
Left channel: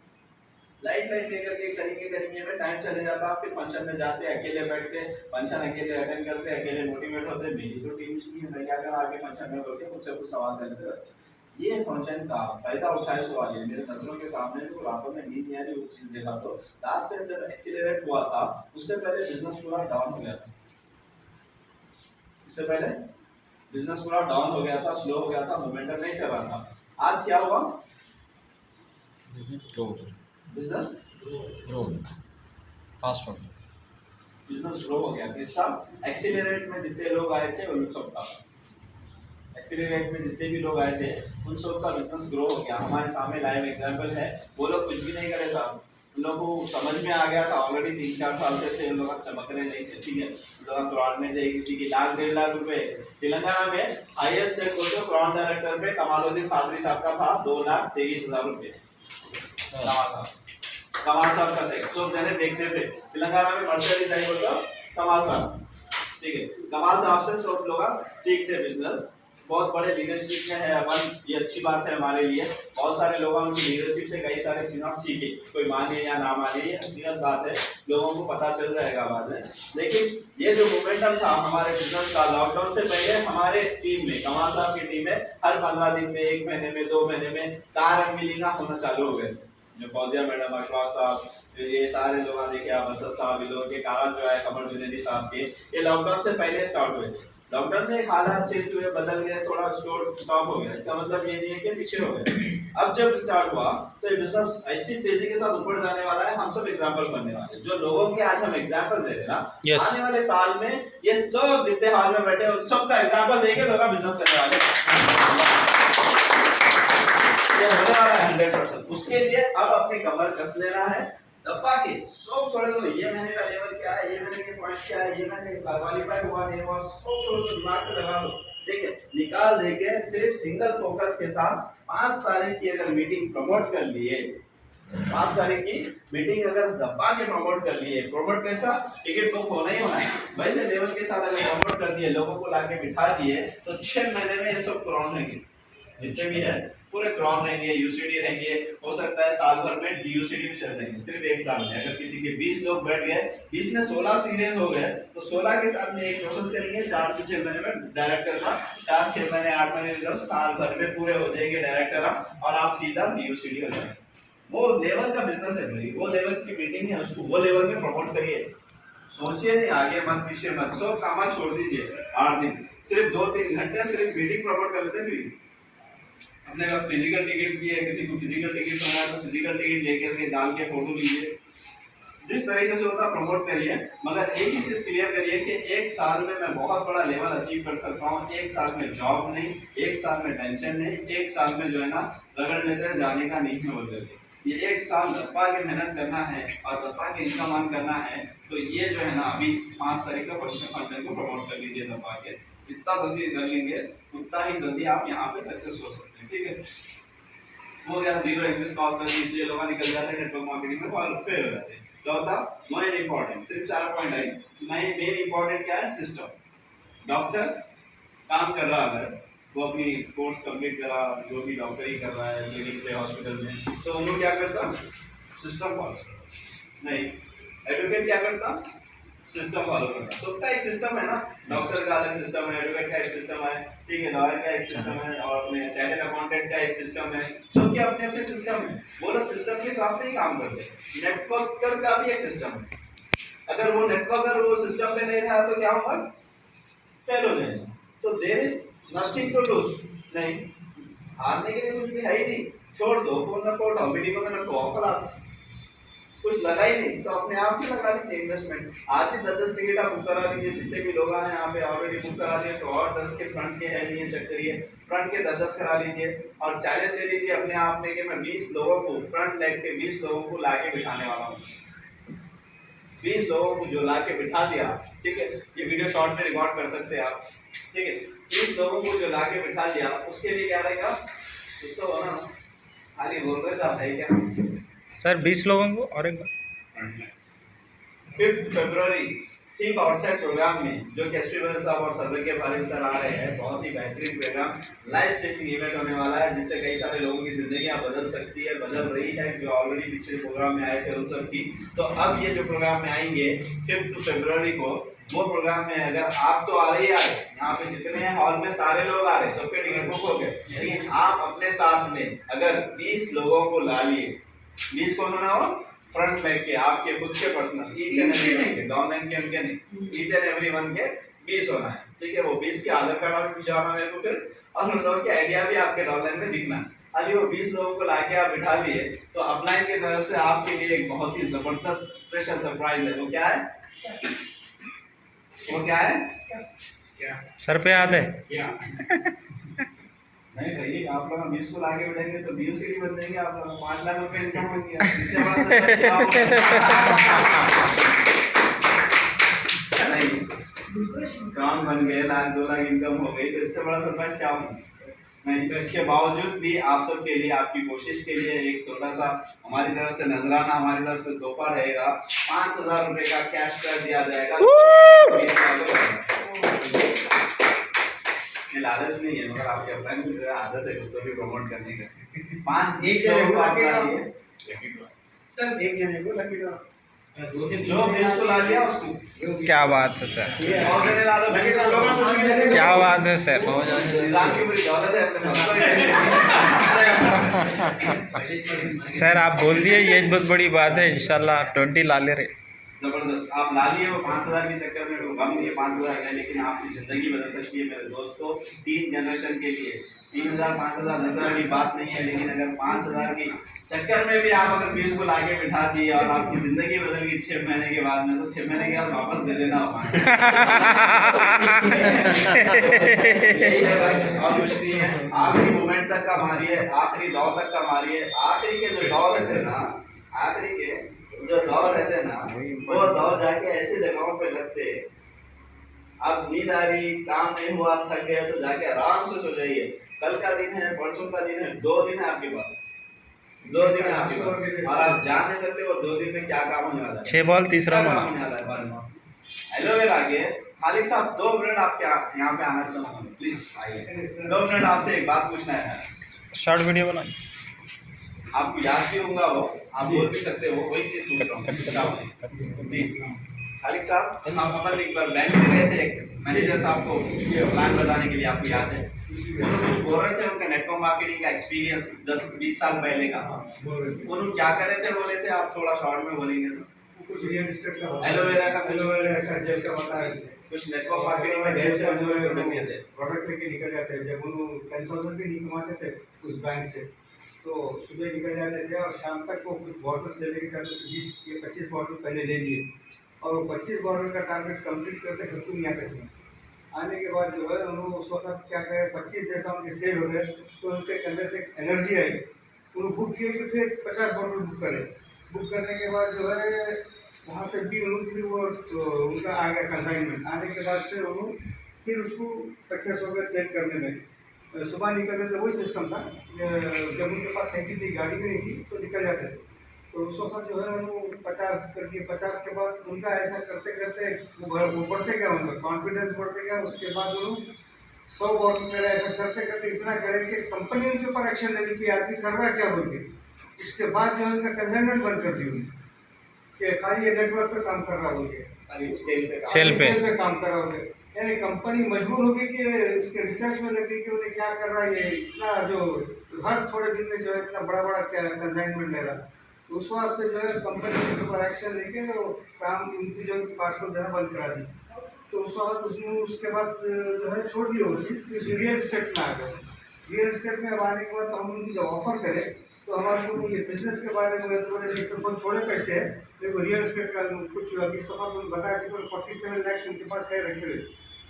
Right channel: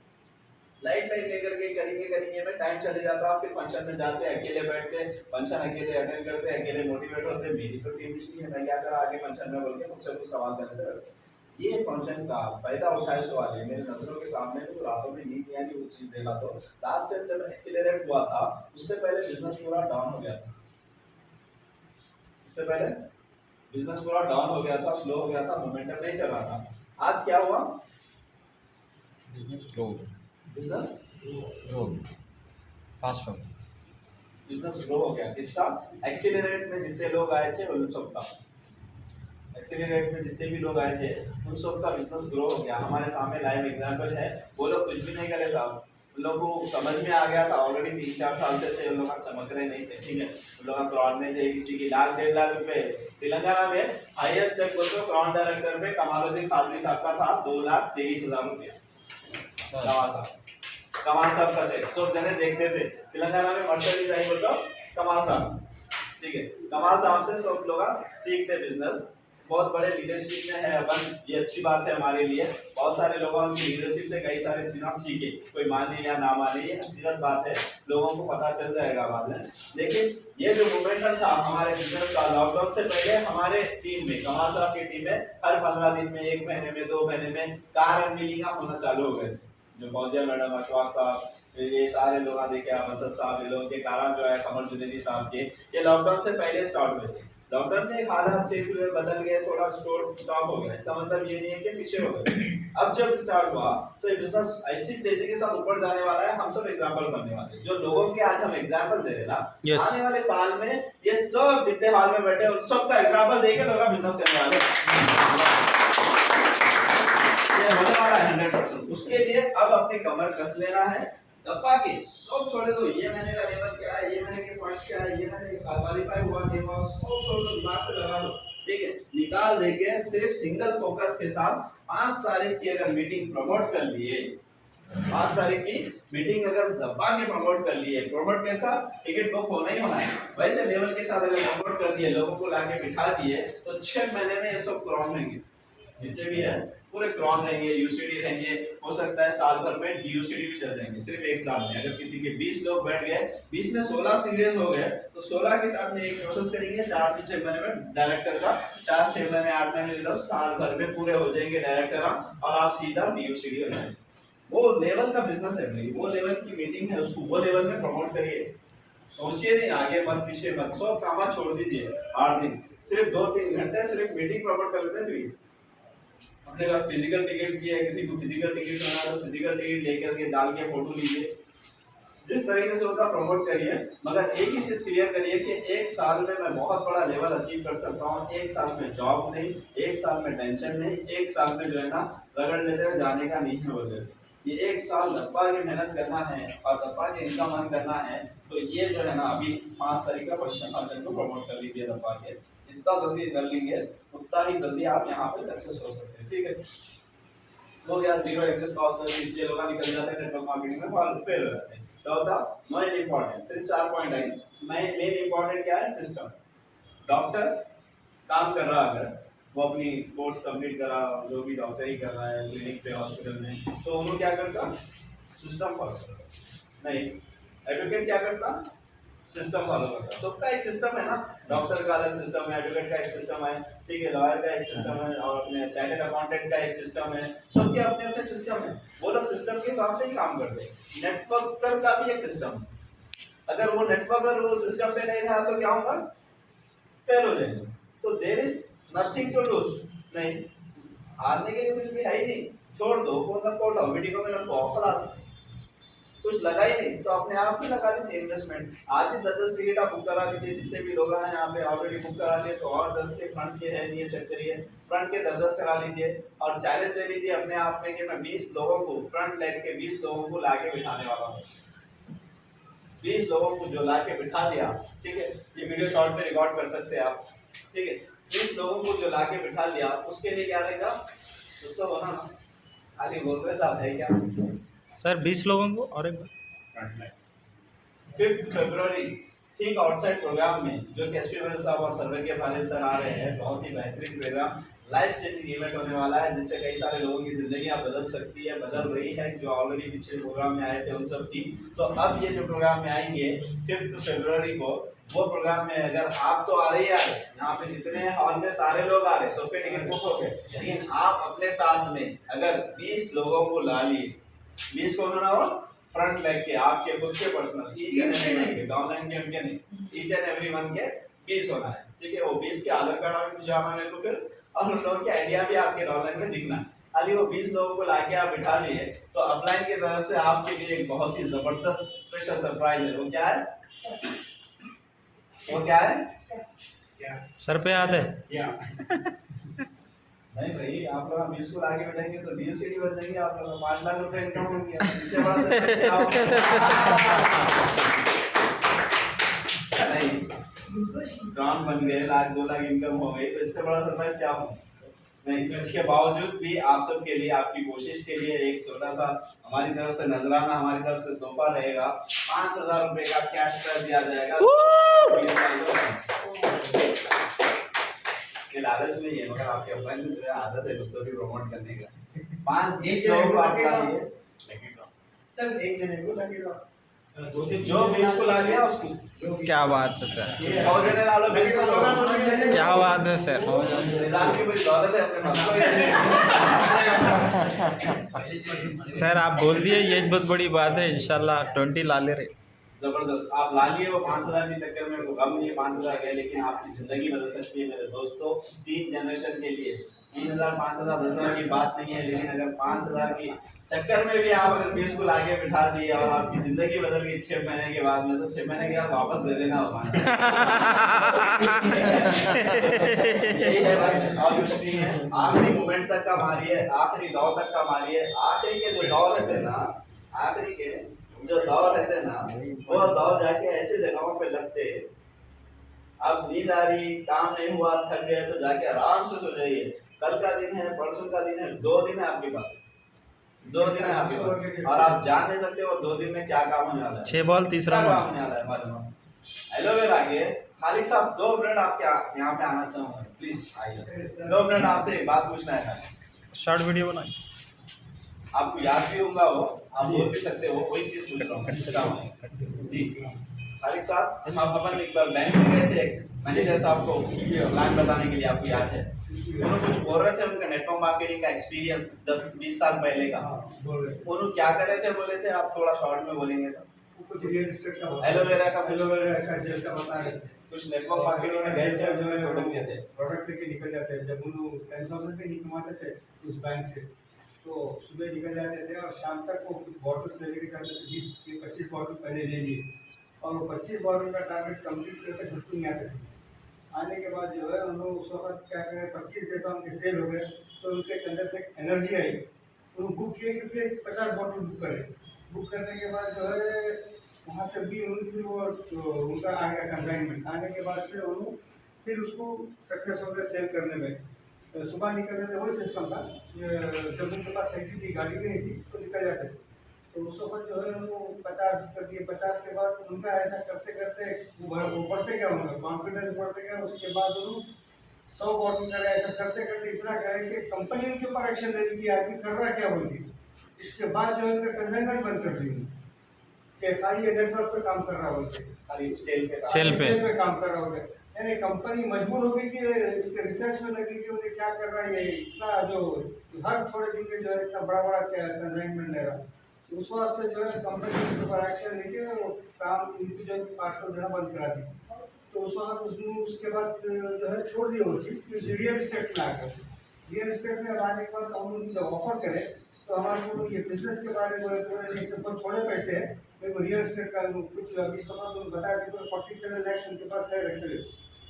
लाइट लाइट लेकर के करेंगे में टाइम चले जाता, आप फिर फंक्शन में जाते हैं अकेले बैठ के, फंक्शन अकेले अटेंड करते हैं, अकेले मोटिवेट होते हैं, मेरी तो टीम इसलिए है, मैं क्या करा आगे फंक्शन में बोल के मुझसे कुछ सवाल करते रहते हैं। ये फंक्शन का फायदा उठाए सवाल है मेरे नजरों के सामने, तो रातों में नींद नहीं आ रही वो चीज देखा। तो लास्ट टाइम जब एक्सीलरेट हुआ था उससे पहले बिजनेस पूरा डाउन हो गया था, उससे पहले बिजनेस पूरा डाउन हो गया था, स्लो हो गया था, मोमेंटम नहीं चल रहा था। आज क्या हुआ, business grow business grow fast हो गया। बिजनेस ग्रो हो गया। किसका, एक्सीलरेट में जितने लोग आए थे उन सबका, एक्सीलरेट में जितने भी लोग आए थे उन सबका बिजनेस ग्रो हो गया। हमारे सामने लाइव एग्जांपल है, वो लोग कुछ भी नहीं करे साहब, उन लोगों को समझ में आ गया था ऑलरेडी, 3-4 साल से थे, उन लोग चमक रहे नहीं थे। ठीक है, उन लोग क्राउड में थे, किसी की 1,00,000-1.5 लाख रुपए। तेलंगाना में हाईएस्ट चेक बोलते क्राउड डायरेक्टर पे कमालुद्दीन कादरी साहब का था 2,23,000 रुपए। कमाल साहब का चेक सब जने देखते थे, तेलंगाना में मर्सिडीज नहीं बोलता कमाल साहब। ठीक है, कमाल साहब से सब लोग सीखते बिजनेस, बहुत बड़े लीडरशिप में है अपन, ये अच्छी बात है हमारे लिए। बहुत सारे लोग उनकी लीडरशिप से कई सारी चीजें सीखे, कोई माने या ना माने ये हकीकत बात है, लोगों को पता चल जाएगा बाद में। लेकिन ये जो मोमेंटम था हमारे बिजनेस का, लॉकडाउन से पहले हमारे टीम में, कमाल साहब की टीम में हर 15 दिन में, 1 महीने में, 2 महीने में कार अनवीलिंग होना चालू हो गए थे। जो फौजिया मैडम, अशफाक साहब, ये सारे लोग देखिए आप, असद साहब, ये लोगों के कारण जो है, कमर जुनैदी साहब के, ये लॉकडाउन से पहले स्टार्ट हुए थे। लॉकडाउन में एक हालात चेंज हुए, बदल गए, थोड़ा स्टॉप हो गया, इसका मतलब ये नहीं है कि पीछे हो गए। अब जब स्टार्ट हुआ तो ये बिजनेस ऐसी तेजी के साथ ऊपर जाने वाला है, हम सब एग्जांपल बनने वाले हैं। जो लोगों के आज हम एग्जांपल दे रहे हैं ना, Yes. आने वाले साल में ये सब जितने हाल में बैठे उन सब का एग्जांपल देके लोग बिजनेस करने वाले हैं। ये होने वाला है 100%। उसके लिए अब अपनी कमर कस लेना है, दबा के सब छोड़ दो, ये महीने का लेवल क्या है, ये महीने के पॉइंट क्या है, ये महीने क्वालीफाई हुआ नहीं हुआ, सब छोड़ दो, दिमाग से लगा दो। ठीक है, निकाल देके सिर्फ सिंगल फोकस के साथ 5 तारीख की अगर मीटिंग प्रमोट कर लिए, 5 तारीख की मीटिंग अगर दबा के प्रमोट कर लिए, प्रमोट कैसा, टिकट बुक होना ही होना है, वैसे लेवल के साथ अगर प्रमोट कर दिए, लोगों को लाके बिठा दिए, तो 6 महीने में ये सब क्राउन रहेंगे, जितने भी है पूरे क्राउन रहेंगे, यूसीडी रहेंगे, हो सकता है साल भर में डीयूसीडी भी चल जाएंगे सिर्फ एक साल में। अगर किसी के 20 लोग बैठ गए, 20 में 16 सीरियस हो गए, तो 16 के साथ में एक प्रोसेस करेंगे, 4 से 6 महीने में डायरेक्टर का, 4-6 महीने 8 महीने साल भर में पूरे हो जाएंगे डायरेक्टर, और आप सीधा डीयूसीडी हो जाएंगे। वो लेवल का बिजनेस है भाई, वो लेवल की मीटिंग है, उसको वो लेवल में प्रमोट करिए। सोचिए नहीं आगे मत पीछे मत, सब काम छोड़ दीजिए। 8 दिन सिर्फ 2-3 घंटे सिर्फ मीटिंग प्रमोट कर लेते हैं। अपने पास फिजिकल टिकट्स भी है, किसी को फिजिकल टिकट होना है तो फिजिकल टिकट लेकर के डाल के फोटो लीजिए, जिस तरीके से होता प्रमोट करिए। मगर एक ही चीज क्लियर करिए कि 1 साल में मैं बहुत बड़ा लेवल अचीव कर सकता हूँ, 1 साल में जॉब नहीं, 1 साल में टेंशन नहीं, 1 साल में जो है ना रगड़ लेते जाने का नहीं है बोल करके। ये 1 साल दबा के मेहनत करना है और दबा के इनकम अर्न करना है। तो ये जो है ना अभी 5 तारीख का फंक्शन को प्रमोट कर लीजिए दबा के, जितना जल्दी कर लेंगे उतना ही जल्दी आप यहाँ पे सक्सेस हो सकते हैं। ठीक है, हो गया जीरो एग्जिस्ट कॉस्ट, इसलिए लोग निकल जाते हैं नेटवर्क मार्केटिंग में और फेल हो जाते हैं। चौथा मेन इंपॉर्टेंट, सिर्फ 4 पॉइंट है। मेन इंपॉर्टेंट क्या है, सिस्टम। डॉक्टर काम कर रहा अगर वो अपनी कोर्स कंप्लीट करा, जो भी डॉक्टरी कर रहा है क्लिनिक पे हॉस्पिटल में, तो वो क्या करता, सिस्टम फॉलो करता। नहीं, एडवोकेट क्या करता, सिस्टम फॉलो करता। सबका एक सिस्टम है ना, डॉक्टर का अलग सिस्टम है, एडवोकेट का एक सिस्टम है, ठीक है, लॉयर का एक सिस्टम है, और अपने चार्टर्ड अकाउंटेंट का एक सिस्टम है। सबके अपने अपने सिस्टम है, वो लोग सिस्टम के हिसाब से ही काम करते हैं। नेटवर्कर का भी एक सिस्टम है, अगर वो नेटवर्कर वो सिस्टम पे नहीं रहा तो क्या होगा, फेल हो जाएगा। तो there is nothing to lose, नहीं हारने के लिए कुछ भी है ही नहीं, छोड़ दो, फोन न उठाओ, मीटिंगों में न आओ, क्लास कुछ लगा ही नहीं तो अपने आप ही लगा लीजिए इन्वेस्टमेंट। आज ही 10-10 टिकट आप बुक करा लीजिए, जितने भी लोग आए यहाँ पे ऑलरेडी बुक करा दिए, तो और 10 के फ्रंट के है नहीं चेक करिए, फ्रंट के 10-10 करा लीजिए और चैलेंज ले लीजिए अपने आप में कि मैं 20 लोगों को, फ्रंट लेग के 20 लोगों को लाके बिठाने वाला हूँ। 20 लोगों को जो लाके बिठा दिया, ठीक है, ये वीडियो शॉर्ट में रिकॉर्ड कर सकते हैं आप, ठीक है, 20 लोगों को जो लाके बिठा लिया उसके लिए क्या रहेगा, कुछ तो होना ना, खाली बोल रहे साहब है क्या। सर 20 लोगों को और एक बार 5 फरवरी थिंक आउटसाइड प्रोग्राम में जो कैस्ट्रीवल साहब और सर्वे के भाले सर आ रहे हैं, बहुत ही बेहतरीन प्रोग्राम, लाइफ चेंजिंग इवेंट होने वाला है जिससे कई सारे लोगों की जिंदगियां बदल सकती है, बदल रही है, जो ऑलरेडी पिछले प्रोग्राम में आए थे उन सब की। तो अब ये जो प्रोग्राम में आएंगे 5 फरवरी को, वो प्रोग्राम में अगर आप तो आ रहे ही आ रहे, यहाँ पे जितने हैं हॉल में सारे लोग आ रहे, सबके टिकट बुक हो गए, लेकिन आप अपने साथ में अगर 20 लोगों को ला लिए, 20 को ना हो फ्रंट लेग के आपके खुद के पर्सनल ईच एंड एवरी के डाउनलाइन के उनके नहीं, ईच एंड एवरी वन के 20 होना है, ठीक है। वो 20 के आधार कार्ड आप खिंचवाना मेरे को फिर, और उन लोगों के आइडिया भी आपके डाउनलाइन में दिखना। अभी वो 20 लोगों को लाके आप बिठा लिए तो अपलाइन की तरफ से आपके लिए एक बहुत ही जबरदस्त स्पेशल सरप्राइज है। वो क्या है, वो क्या है, क्या सर पे याद है क्या नहीं भाई, आप लोग 20 को लाके बैठेंगे तो बीओसीडी बन जाएंगे, आप लोग 5 लाख रुपए इनकम हो गया, इससे बड़ा सरप्राइज नहीं, काम बन गए, 1-2 लाख इनकम हो गई, तो इससे बड़ा सरप्राइज क्या हो नहीं। तो इसके बावजूद भी आप सब के लिए, आपकी कोशिश के लिए एक छोटा सा हमारी तरफ से नजराना, हमारी तरफ से तोहफा रहेगा, 5000 रुपए का कैश कर दिया जाएगा। ये लालच नहीं है, मगर आपके अपलाइन में आदत है कुछ तो भी प्रमोट करने का। 5 एक लोगों को आप लाइए सर, एक जने को लकी ड्रॉ, जो 20 को ला लिया उसको, क्या बात है सर, 100 जने ला लो, 20 को 100, क्या बात है सर। निजाम की पूरी दौलत है अपने पास। सर आप बोल दिए, ये बहुत बड़ी बात है, इंशाल्लाह 20 ला ले रहे। जबरदस्त, आप ला लिए, वो 5000 के चक्कर में वो गम नहीं है, 5000 है, लेकिन आपकी जिंदगी बदल सकती है मेरे दोस्तों। 3 जनरेशन के लिए 3000 5000 10,000 की बात नहीं है, लेकिन अगर 5000 की चक्कर में भी आप अगर 20 को लाके बिठा दिए और आपकी जिंदगी बदल गई 6 महीने के बाद में, तो 6 महीने के बाद वापस दे देना होगा। यही है भाई, और कुछ नहीं है। आखिरी मोमेंट तक का मारिए, आखिरी दौर तक का मारिए, आखिरी के जो दौर रहते हैं ना, आखिरी के जो दौर रहते हैं ना, वो दौर जाके ऐसे जगहों पे लगते, अब नींद आ रही, काम नहीं हुआ, थक गए, तो जाके आराम से सो जाइए। कल का दिन है, परसों का दिन है, 2 दिन है आपके पास, 2 दिन है आपके पास, और आप जान नहीं सकते वो 2 दिन में क्या काम होने वाला है। 6 बॉल तीसरा क्या काम बॉल। होने वाला है बारे में। एलोवेरा के खालिक साहब 2 मिनट आप क्या यहाँ पे आना चाहूँगा, प्लीज आइए, 2 मिनट आपसे एक बात पूछना है। शॉर्ट वीडियो बनाइए। आपको याद भी होगा वो, आप बोल भी सकते हो, वही चीज पूछ रहा हूँ जी। खालिक साहब, हम अपन एक बार बैंक में गए थे, एक मैनेजर साहब को प्लान बताने के लिए, आपको याद है, उन्होंने कुछ बोल रहे थे, उनका नेटवर्क मार्केटिंग का एक्सपीरियंस 10-20 साल पहले का, उन्होंने क्या कर रहे थे बोले थे, आप थोड़ा शॉर्ट में बोलेंगे तो। कुछ रियल एस्टेट का, एलोवेरा का, एलोवेरा का जेल का बता रहे थे, कुछ नेटवर्क मार्केटिंग में गए थे, उन्होंने प्रोडक्ट दिए थे, प्रोडक्ट लेके निकल जाते हैं। जब उन्होंने 10,000 भी नहीं कमाते थे उस बैंक से, तो सुबह निकल जाते थे और शाम तक वो कुछ बॉटल्स ले लेके जाते थे, 20-25 बॉटल पहले ले लिए, और वो 25 बॉटल का टारगेट कंप्लीट करते घर को नहीं आते थे। आने के बाद जो है उन्होंने उस वक्त क्या करें, 25 जैसा उनके सेल हो गए, तो उनके अंदर से एनर्जी आई, उन्होंने बुक किए कि फिर 50 बॉटल बुक करें। बुक करने के बाद जो है वहाँ से भी उन्होंने वो उनका आ गया कंसाइनमेंट, आने के बाद से उन्होंने फिर उसको सक्सेस हो गया सेल करने में। सुबह निकलते थे, वही सिस्टम था, जब उनके पास साइकिल थी, गाड़ी भी नहीं थी, तो निकल जाते थे। तो उस वक्त जो है उनको 50 कर दिए, 50 के बाद उनका ऐसा करते करते वो बढ़ते गया, उनका कॉन्फिडेंस बढ़ते गया। उसके बाद उन्होंने 100 बॉटल करे, ऐसा करते करते इतना करे कि कंपनी उनके ऊपर एक्शन ले रही थी, आदमी कर रहा है क्या बोल के। इसके बाद जो है उनका कंसाइनमेंट बंद कर दी उन्होंने, कि खाली ये नेटवर्क पे काम कर रहा बोल के, खाली सेल सेल पे काम कर रहा होंगे। यानी कंपनी मजबूर हो गई कि इसके रिसर्च में लगी कि उन्हें क्या कर रहा है, ये इतना जो हर थोड़े दिन में जो है इतना बड़ा बड़ा कंसाइनमेंट ले रहा। तो उस वक्त से जो है कंपनी के ऊपर एक्शन लेके वो काम उनकी जो पार्सल देना बंद करा दी। तो उस वक्त उसने उसके बाद जो है छोड़ दिया वो चीज़, रियल एस्टेट में आ गए। रियल एस्टेट में अब आने के बाद हम उनको जब ऑफर करें तो हमारे को ये बिजनेस के बारे में थोड़े पैसे है, देखो रियल एस्टेट का कुछ अभी समय बताया कि 47 लाख उनके पास है रखे हुए,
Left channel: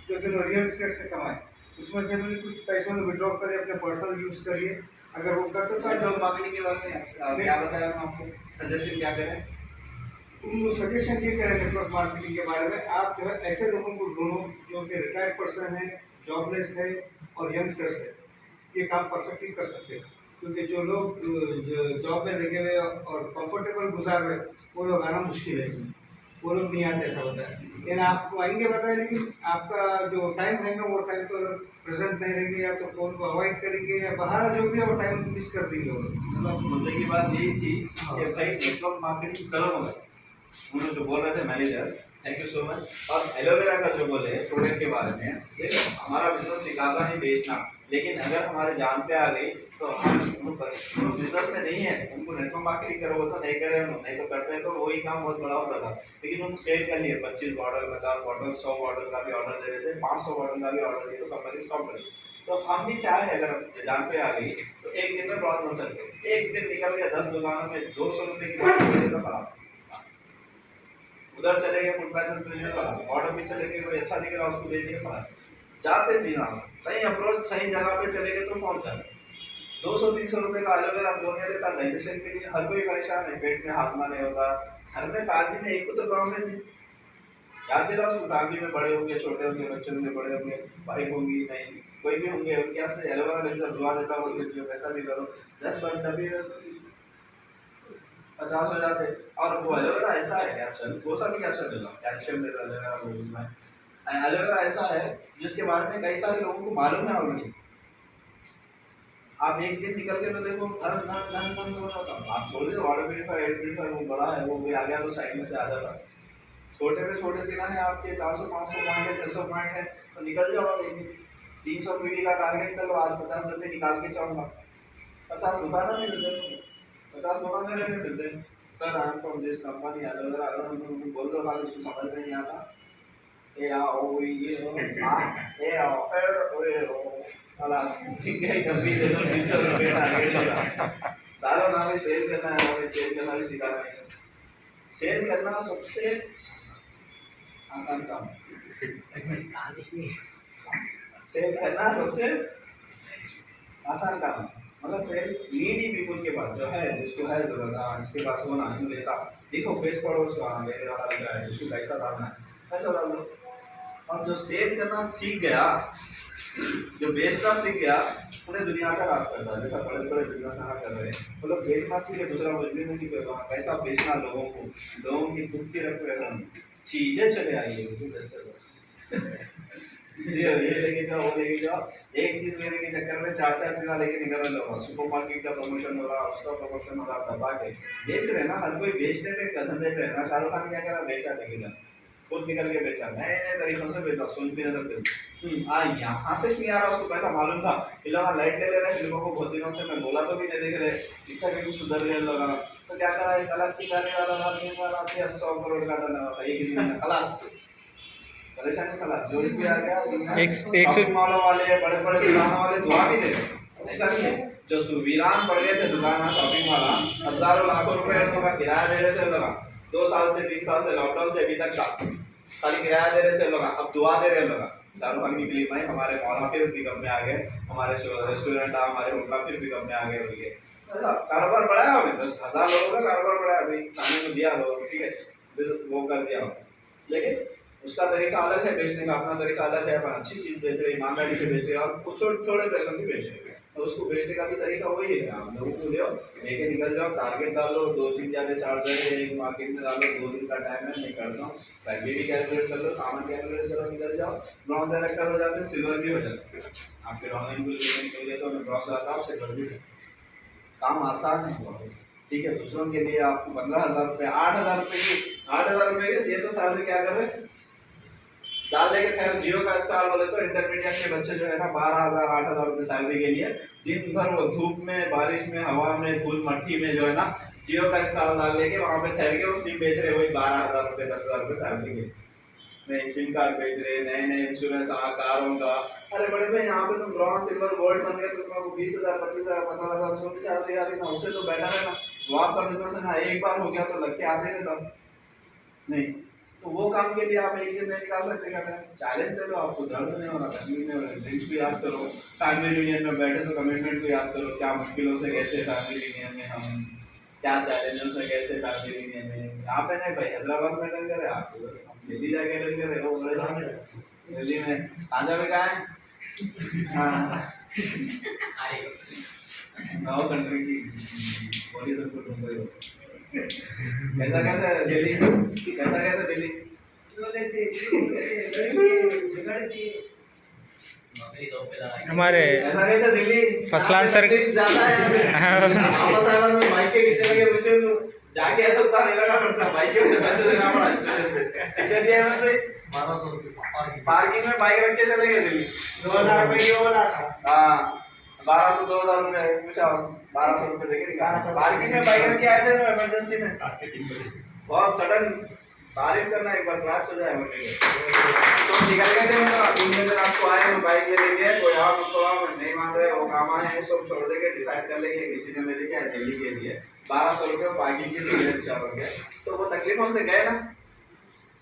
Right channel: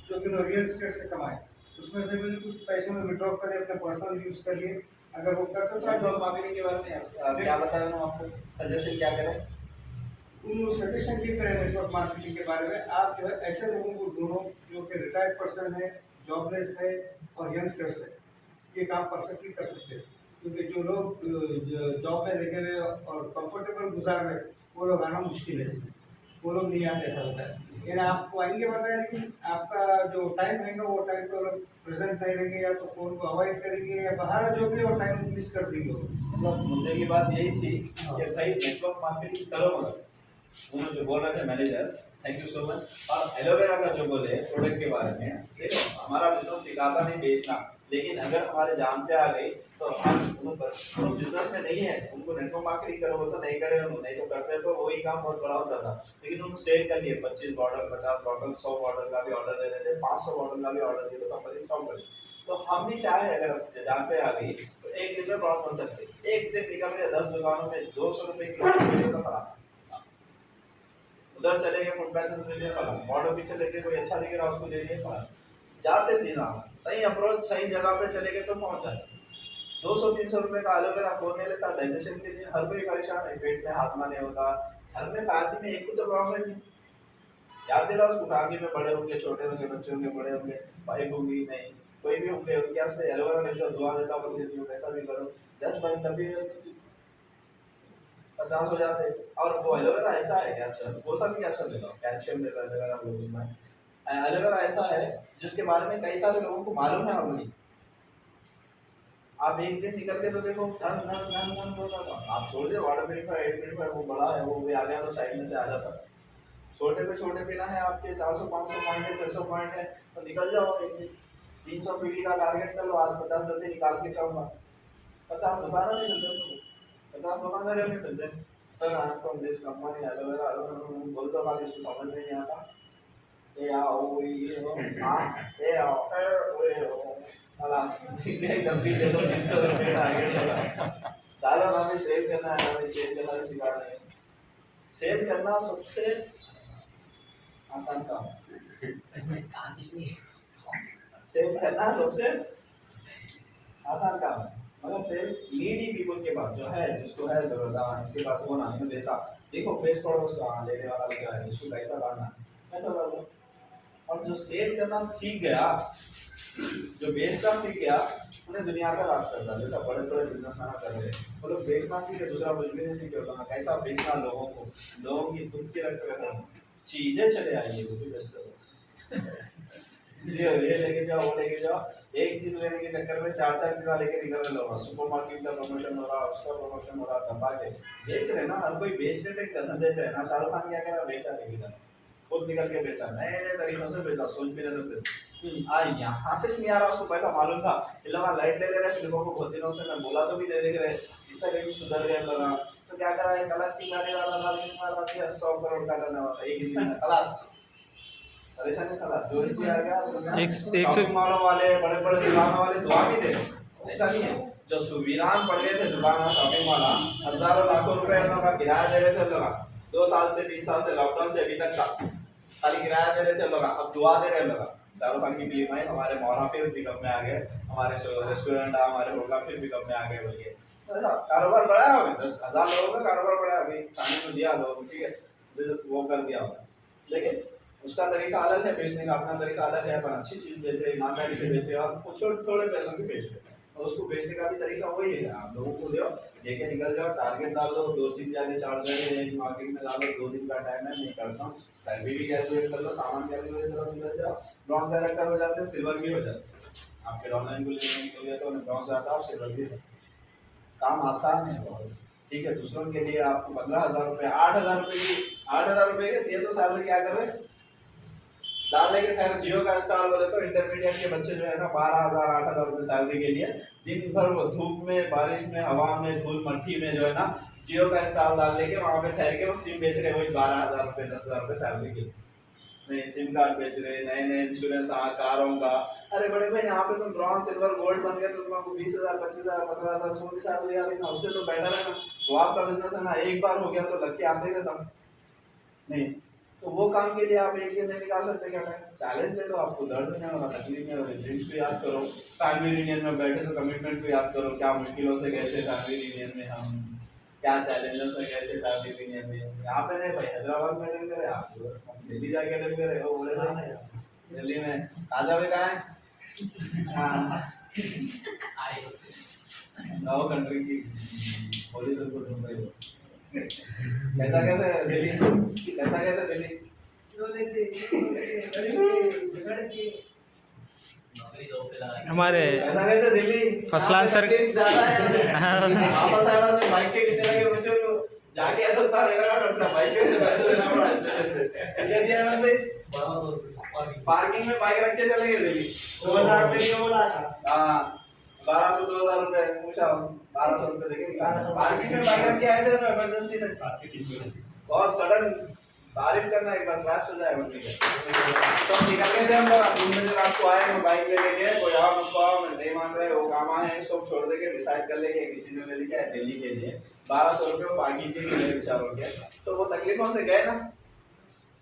जो कि रियल एस्टेट से कमाए, उसमें से भी कुछ पैसे में विड्रॉ करें, अपने पर्सनल यूज़ करिए। अगर वो करते तो नेटवर्क मार्केटिंग के बारे में क्या बताया मैं आपको, सजेशन क्या करें। उन सजेशन ये करें नेटवर्क मार्केटिंग के बारे में, आप जो है ऐसे लोगों को ढूंढो जो कि रिटायर्ड पर्सन है, जॉबलेस है और यंगस्टर्स है, ये काम परफेक्टली कर सकते हैं। क्योंकि जो लोग जॉब में लगे हुए और कंफर्टेबल गुजार रहे, वो लोग आना मुश्किल है इसमें, वो लोग नहीं आते, ऐसा होता है। लेकिन आपको आएंगे बताया, लेकिन आपका जो टाइम रहेगा वो टाइम तो प्रेजेंट नहीं रहेंगे, या तो फ़ोन को अवॉइड करेंगे, या बाहर जो भी है वो टाइम मिस कर देंगे वो लोग। मतलब मुद्दे की बात यही थी हाँ। कि भाई नेटवर्क मार्केटिंग करो, मगर उन्होंने जो बोल रहे थे manager, thank you so much. और एलोवेरा का जो बोले प्रोडक्ट के बारे में, देखो हमारा बिजनेस सिखाता नहीं बेचना, लेकिन अगर हमारे जान पे आ गई तो हम उनको बिजनेस में नहीं है, उनको नेटवर्क मार्केटिंग करो तो नहीं करे, नहीं तो करते हैं तो वही काम बहुत बड़ा होता था। लेकिन उनको सेल कर लिए 25 बॉटल, 50 बॉटल, 100 बॉटल का भी ऑर्डर दे रहे थे, 500 बॉटल का भी ऑर्डर दिए तो कंपनी स्टॉप कर दी। तो हम भी चाहे अगर जान पे आ गई तो एक दिन में बहुत बन सकते, एक दिन निकल गया 10 दुकानों में 200 रुपए की बॉटल बेचे तो खलास, उधर चले गए फुट पैसेज में दिया खलास, ऑर्डर भी चले गए, कोई अच्छा दिख रहा उसको दे दिया खलास। जाते थे ना, सही अप्रोच सही जगह पे चले गए तो पहुंच जाते। 200-300 रुपए का एलोवेरा बोलने लेता, डाइजेशन के लिए हर कोई परेशान है, पेट में हाजमा नहीं होता, घर में फैमिली में एक को तो प्रॉब्लम है, याद दिला उसको, फैमिली में बड़े होंगे, छोटे होंगे, बच्चे होंगे, बड़े होंगे, वाइफ होंगी, नहीं कोई भी होंगे, उनके यहाँ से एलोवेरा लेकर दुआ देता हूँ, उसके लिए पैसा भी करो, 10 बार डब्बी 50 हो जाते। और वो एलोवेरा ऐसा है कैप्शन, कोई सा भी कैप्शन ले लो, कैल्शियम ले लो एलोवेरा वो उसमें, एलोवेरा ऐसा है जिसके बारे में कई सारे लोगों को मालूम है ऑलरेडी। आप एक दिन निकल के तो देखो धन धन धन धन हो जाता, आप छोड़ दो वाटर प्यूरिफायर, एयर प्यूरिफायर वो बड़ा है, वो भी आ गया तो साइड में से आ जाता। छोटे पे छोटे बिना है आपके 400-500 पॉइंट है, 600 पॉइंट है, तो निकल जाओ एक दिन 300 पीवी का टारगेट कर लो, आज 50 डब्बे निकाल के चाहूंगा, 50 दुकानों में मिलते हैं, 50 दुकानदारों में मिलते हैं। Sir I am from this company aloe vera, बोल दो खाली, इसको समझ में नहीं आता, ये आओ ये हो ये आओ ये हो खलास, ठीक है, डब्बी दे दो 300 रुपए टारगेट लगा। दारो ना भी सेल करना है, हमें सेल करना भी सिखाना है। सेल करना सबसे आसान काम, सेल करना सबसे आसान काम, मगर सेल नीडी पीपल के पास जो है, जिसको है जरूरत, हाँ इसके पास वो ना लेता, देखो फेस पढ़ो उसका, हाँ लेने वाला लग रहा है, जिसको पैसा डालना है पैसा डाल दो। और जो सेल करना सीख गया, जो बेचना सीख गया, उन्हें दुनिया का राज करता है। जैसा बड़े बड़े बिजनेसमैन कर रहे हैं, वो लोग बेचना सीखे, दूसरा कुछ भी नहीं सीखे, वहाँ कैसा बेचना लोगों को, लोगों की दुख की रख रहे, सीधे चले आइए वो बेचते ये लेके जाओ, वो लेके जाओ, एक चीज लेने के चक्कर में 4-4 चीजें लेके निकल रहे लोग, सुपरमार्केट का प्रमोशन हो रहा, उसका प्रमोशन हो रहा, दबा के बेच रहे ना, हर कोई बेचने पे धंधे पे है ना। शाहरुख खान क्या करा, बेचा लेकिन खुद निकल के बेचा, नए नए तरीकों से बेचा, सोच भी नहीं सकते। यहाँ से नहीं आ रहा, उसको पैसा मालूम था, इन लोग लाइट ले ले रहे फिल्मों को, बहुत दिनों से मैं बोला तो भी दे देख रहे, इतना कहीं सुधर गए लोग, तो क्या करा, गलत चीज आने वाला था, 100 करोड़ का डरने वाला एक दिन में खलास, परेशानी खलास, जो भी आ गया। एक मालों वाले, बड़े बड़े दुकानों वाले दुआ भी दे, ऐसा नहीं है, जो वीरान पड़ गए थे दुकान, शॉपिंग वाला, हजारों लाखों रुपए का किराया दे रहे थे लोग, 2 साल से 3 साल से लॉकडाउन से अभी तक का खाली किराया दे रहे थे लोग, अब दुआ दे रहे लोग। शाहरुख खान की फिल्म आई, हमारे मौला फिर पिकअप में आ गए, हमारे रेस्टोरेंट हमारे होटल फिर पिकअप में आ गए बोल के, कारोबार बढ़ाया होगा, 10,000 लोगों का कारोबार बढ़ाया, अभी खाने को दिया लोगों, ठीक है, वो कर दिया हो, लेकिन उसका तरीका अलग है, बेचने का अपना तरीका अलग है, अपन अच्छी चीज बेच रहे, ईमानदारी से बेच रहे और कुछ थोड़े पैसों की बेच रहे, तो उसको बेचने का भी तरीका वही है, आप लोगों को ले लेके निकल जाओ, टारगेट डाल लो, 2-3 जाने 4 जगह एक मार्केट में डालो, 2 दिन का टाइम है, मैं करता हूँ, पैसे भी कैलकुलेट कर लो, सामान कैलकुलेट करो, निकल जाओ, ब्रॉन्ज डायरेक्टर हो जाते हैं, सिल्वर भी हो जाते हैं, आपके ऑनलाइन के लिए तो मैं ब्रॉन्ज आता हूँ, सिल्वर भी काम आसान है बहुत, ठीक है। दूसरों के लिए आपको 15,000 रुपये, 8,000 रुपये के दिए तो सैलरी क्या कर रहे डाल लेके, खैर जियो का स्टार बोले तो इंटरमीडिएट के बच्चे जो है ना 12,000 8,000 रुपये सैलरी के लिए दिन भर वो धूप में, बारिश में, हवा में, धूल मट्टी में जो है ना जियो का स्टार डाल लेके वहां पे ठहर के वो सिम बेच रहे, वही 12,000 रुपये 10,000 रुपये सैलरी के नए सिम कार्ड बेच रहे, नए नए इंश्योरेंस कारों का। अरे बड़े भाई यहाँ पे तुम ब्रॉन्ज सिल्वर गोल्ड बन गए तो तुमको 20,000 25,000 15,000 उसमें भी सैलरी आ रही ना, उससे तो बेटर है ना, वो आपका बिजनेस है ना, एक बार हो गया तो लग के आते रहता नहीं, तो वो काम के लिए आप एक दिन नहीं निकाल सकते क्या टाइम, चैलेंज ले लो, आपको दर्द नहीं होगा, तकलीफ नहीं होगी, ड्रीम्स को याद करो, फैमिली यूनियन में बैठे तो कमिटमेंट को याद करो, क्या मुश्किलों से गए थे फैमिली यूनियन में हम, क्या चैलेंजेस है कहते फैमिली यूनियन में यहाँ पे नहीं भाई हैदराबाद में अटेंड करे आप हम दिल्ली जाके अटेंड करे वो बोले दिल्ली में ताजा भी कहाँ है हाँ नौ कंट्री की पुलिस उनको ढूंढ रही हो कैसा कहते हैं दिल्ली कैसा कहते हैं दिल्ली हमारे कैसा कहते हैं दिल्ली फसलान सर ज्यादा है में बाइक के कितने लगे मुझे जाके तो उतार लगा खर्चा बाइक के पैसे देना पड़ा स्टेशन पे कितने दिया है भाई 1200 रुपये पार्किंग में बाइक रख के चले गए दिल्ली 2000 रुपये की वो बोला था हाँ 1200 2000 रुपए पूछा 1200 रुपए देके निकाला पार्किंग में बाइक रख के आए थे ना इमरजेंसी में बहुत सडन तारीफ करना एक बार क्रैश हो जाए मुझे तो निकल गए थे हम लोग में से आपको आए हम बाइक ले लेंगे कोई और मुझको नहीं मान रहे वो काम आए हैं सब छोड़ देके डिसाइड कर लेंगे किसी ने ले लेके आए दिल्ली के लिए 1200 रुपए पार्किंग के लिए बेचारों के तो वो तकलीफों से गए ना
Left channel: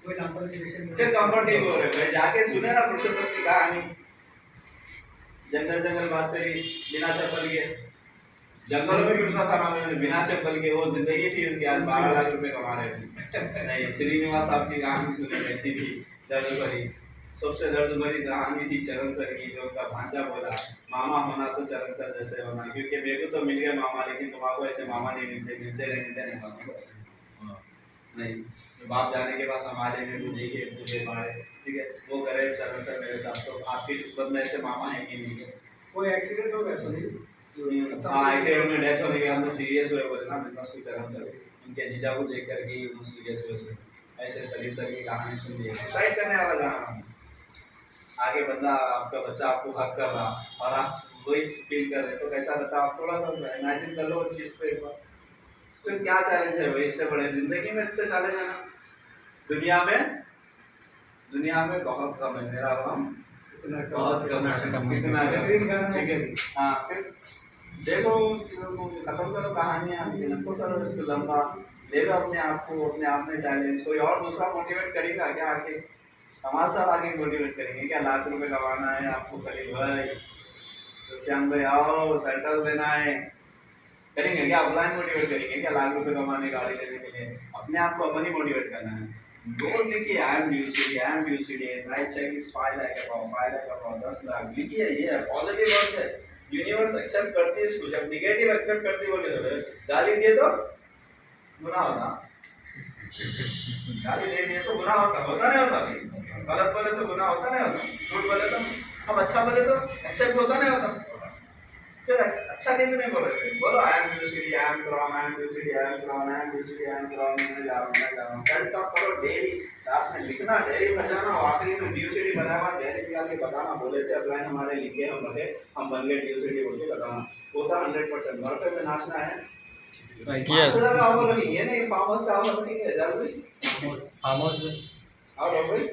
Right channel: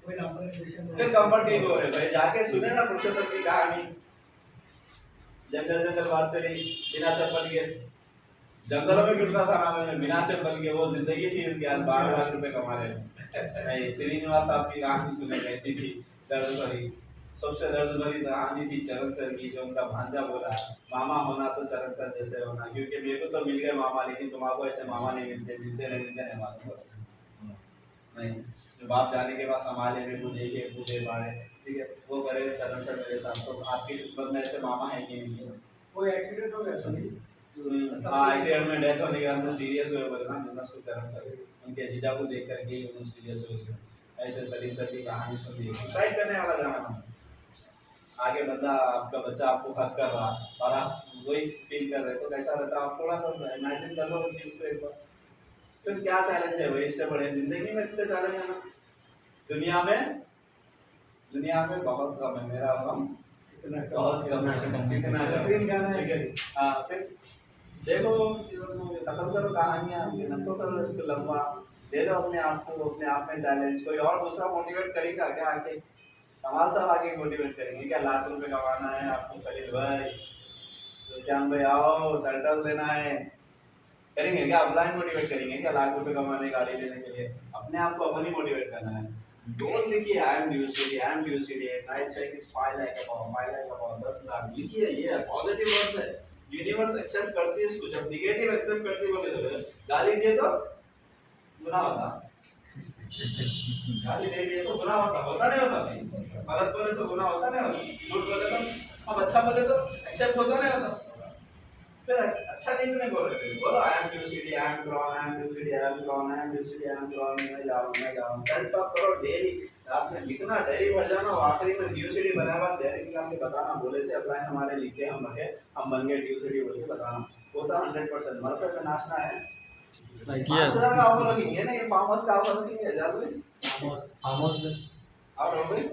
कोई नंबर फिर कंफर्ट नहीं हो रहे भाई जाके सुने ना पुरुषोत्तम की कहानी जंगल जंगल बात से बिना चप्पल के जंगलों में फिरता था ना मैंने बिना चप्पल के वो जिंदगी थी उसकी आज 12 लाख रुपए कमा रहे हैं नहीं श्रीनिवास साहब की कहानी सुने कैसी थी दर्द भरी सबसे दर्द भरी कहानी थी चरण सर की जो उनका भांजा बोला मामा होना तो चरण सर जैसे होना क्योंकि मेरे को तो मिल गया मामा लेकिन तुम्हारे ऐसे मामा नहीं मिलते नहीं मालूम नहीं बाप जाने के बाद संभाले मेरे को देखे पूछे बारे ठीक है वो करे चरण सर मेरे साथ तो आपकी किस्मत में ऐसे मामा है कि नहीं कोई एक्सीडेंट हो गया सुनील हाँ एक्सीडेंट में डेथ होने के बाद में सीरियस हुए बोले ना बिजनेस की चरण सर उनके जीजा को देख करके ही उन्होंने सीरियस हुए ऐसे सलीम सर की कहानी सुन ली सुसाइड करने वाला जहाँ आगे बंदा आपका बच्चा आपको हक कर रहा और आप वही फील कर रहे तो कैसा रहता आप थोड़ा सा इमेजिन कर लो उस चीज को एक बार फिर क्या चैलेंज है भाई इससे बड़े जिंदगी में इतने चैलेंज है ना दुनिया में बहुत कम है मेरा हम बहुत कम है कितना ठीक है हाँ फिर देखो चीजों को खत्म करो कहानियां नको करो इसको लंबा ले लो अपने आप को अपने आप में चैलेंज कोई और दूसरा मोटिवेट करेगा क्या आके कमाल साहब आगे मोटिवेट करेंगे क्या लाख रुपए कमाना है आपको खलील भाई सुफियान भाई आओ सेंटर लेना है करेंगे क्या ऑफलाइन मोटिवेट करेंगे क्या लाख रुपए कमाने गाड़ी लेने के लिए अपने आप को अपन ही मोटिवेट करना है रोज लिखिए I am due city night cheque is 5 lakh about 10 lakh लिखिए ये पॉजिटिव वर्ड्स है यूनिवर्स एक्सेप्ट करती है इसको जब नेगेटिव एक्सेप्ट करती है बोले तो गाली दिए तो गुनाह होता गाली दे दिए तो गुनाह होता नहीं होता गलत बोले तो गुनाह होता नहीं होता झूठ बोले तो अब अच्छा बोले तो एक्सेप्ट होता नहीं होता फिर अच्छा कहीं भी नहीं बोल रहे बोलो आई एम ड्यू मैं जा रहा हूं सेल्फ टॉक करो डेली रात में लिखना डायरी भर जाना आखिरी में ड्यू सिटी बनाया बाद डायरी निकाल के बताना बोले थे अपलाइन हमारे लिखे हम रखे हम बन गए ड्यू सिटी बोल के बताना होता 100% मरफे पे नाचना है Yes. का ऑफर रखेंगे ना ये फार्मर्स का ऑफर रखेंगे जल्दी फार्मर्स बस और हो गई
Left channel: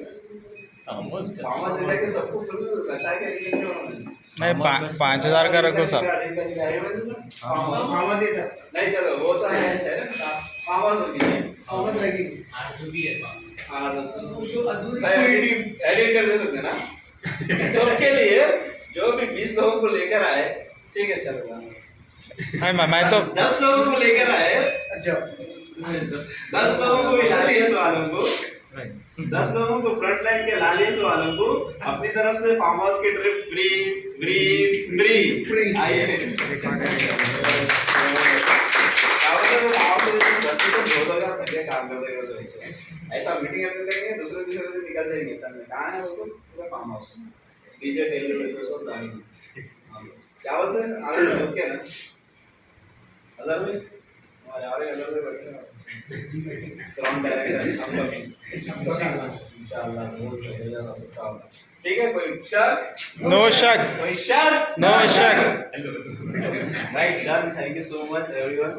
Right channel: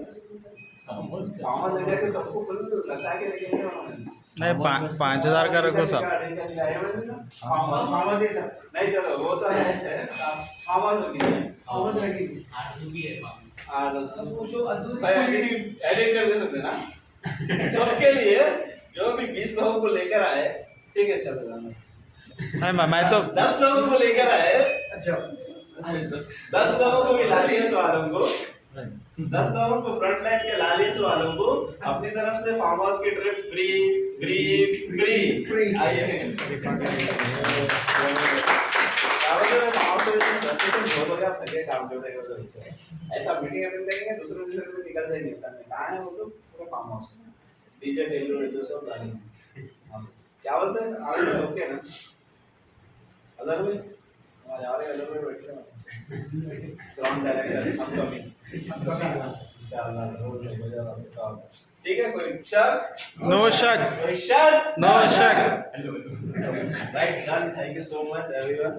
फार्मर्स एरिया के सबको फुल लचा के रखेंगे उन्होंने नहीं 5000 का रखो सब फार्मर सर नहीं चलो वो तो है फार्मर्स होती है फार्मर रखेंगे जो अधूरी एडिट कर दे सकते ना सबके लिए जो भी 20 लोगों को लेकर आए ठीक है चलो मैं तो 10 लोगों को लेकर आए अच्छा 10 लोगों को भी लालियस वालों को 10 लोगों को फ्रंट लाइन के लालियस वालों को अपनी तरफ से फार्म हाउस की ट्रिप फ्री आइए काम करते ऐसा मीटिंग अटेंड करेंगे दूसरे दिन निकल जाएंगे सर में कहाँ है वो तो पूरा फार्म हाउस डीजे टेलो तो सब डालेंगे क्या बोलते हैं आगे ओके ना हजार में हमारे आ रहे हैं बैठे हैं ग्राउंड डायरेक्टर हम लोग इंशाल्लाह जरूर हो जाएगा सब काम ठीक है कोई शक नो शक right done thank you so much everyone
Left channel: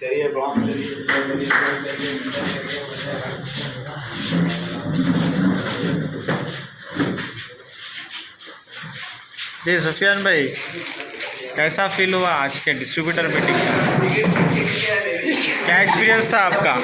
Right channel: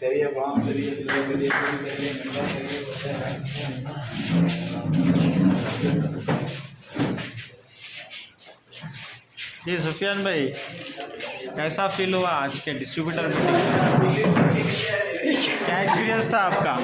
चलिए ब्रॉन्ज करिए सिल्वर करिए गोल्ड करिए मेडल करिए जी सुफियान भाई कैसा फील हुआ आज के डिस्ट्रीब्यूटर मीटिंग का क्या एक्सपीरियंस था आपका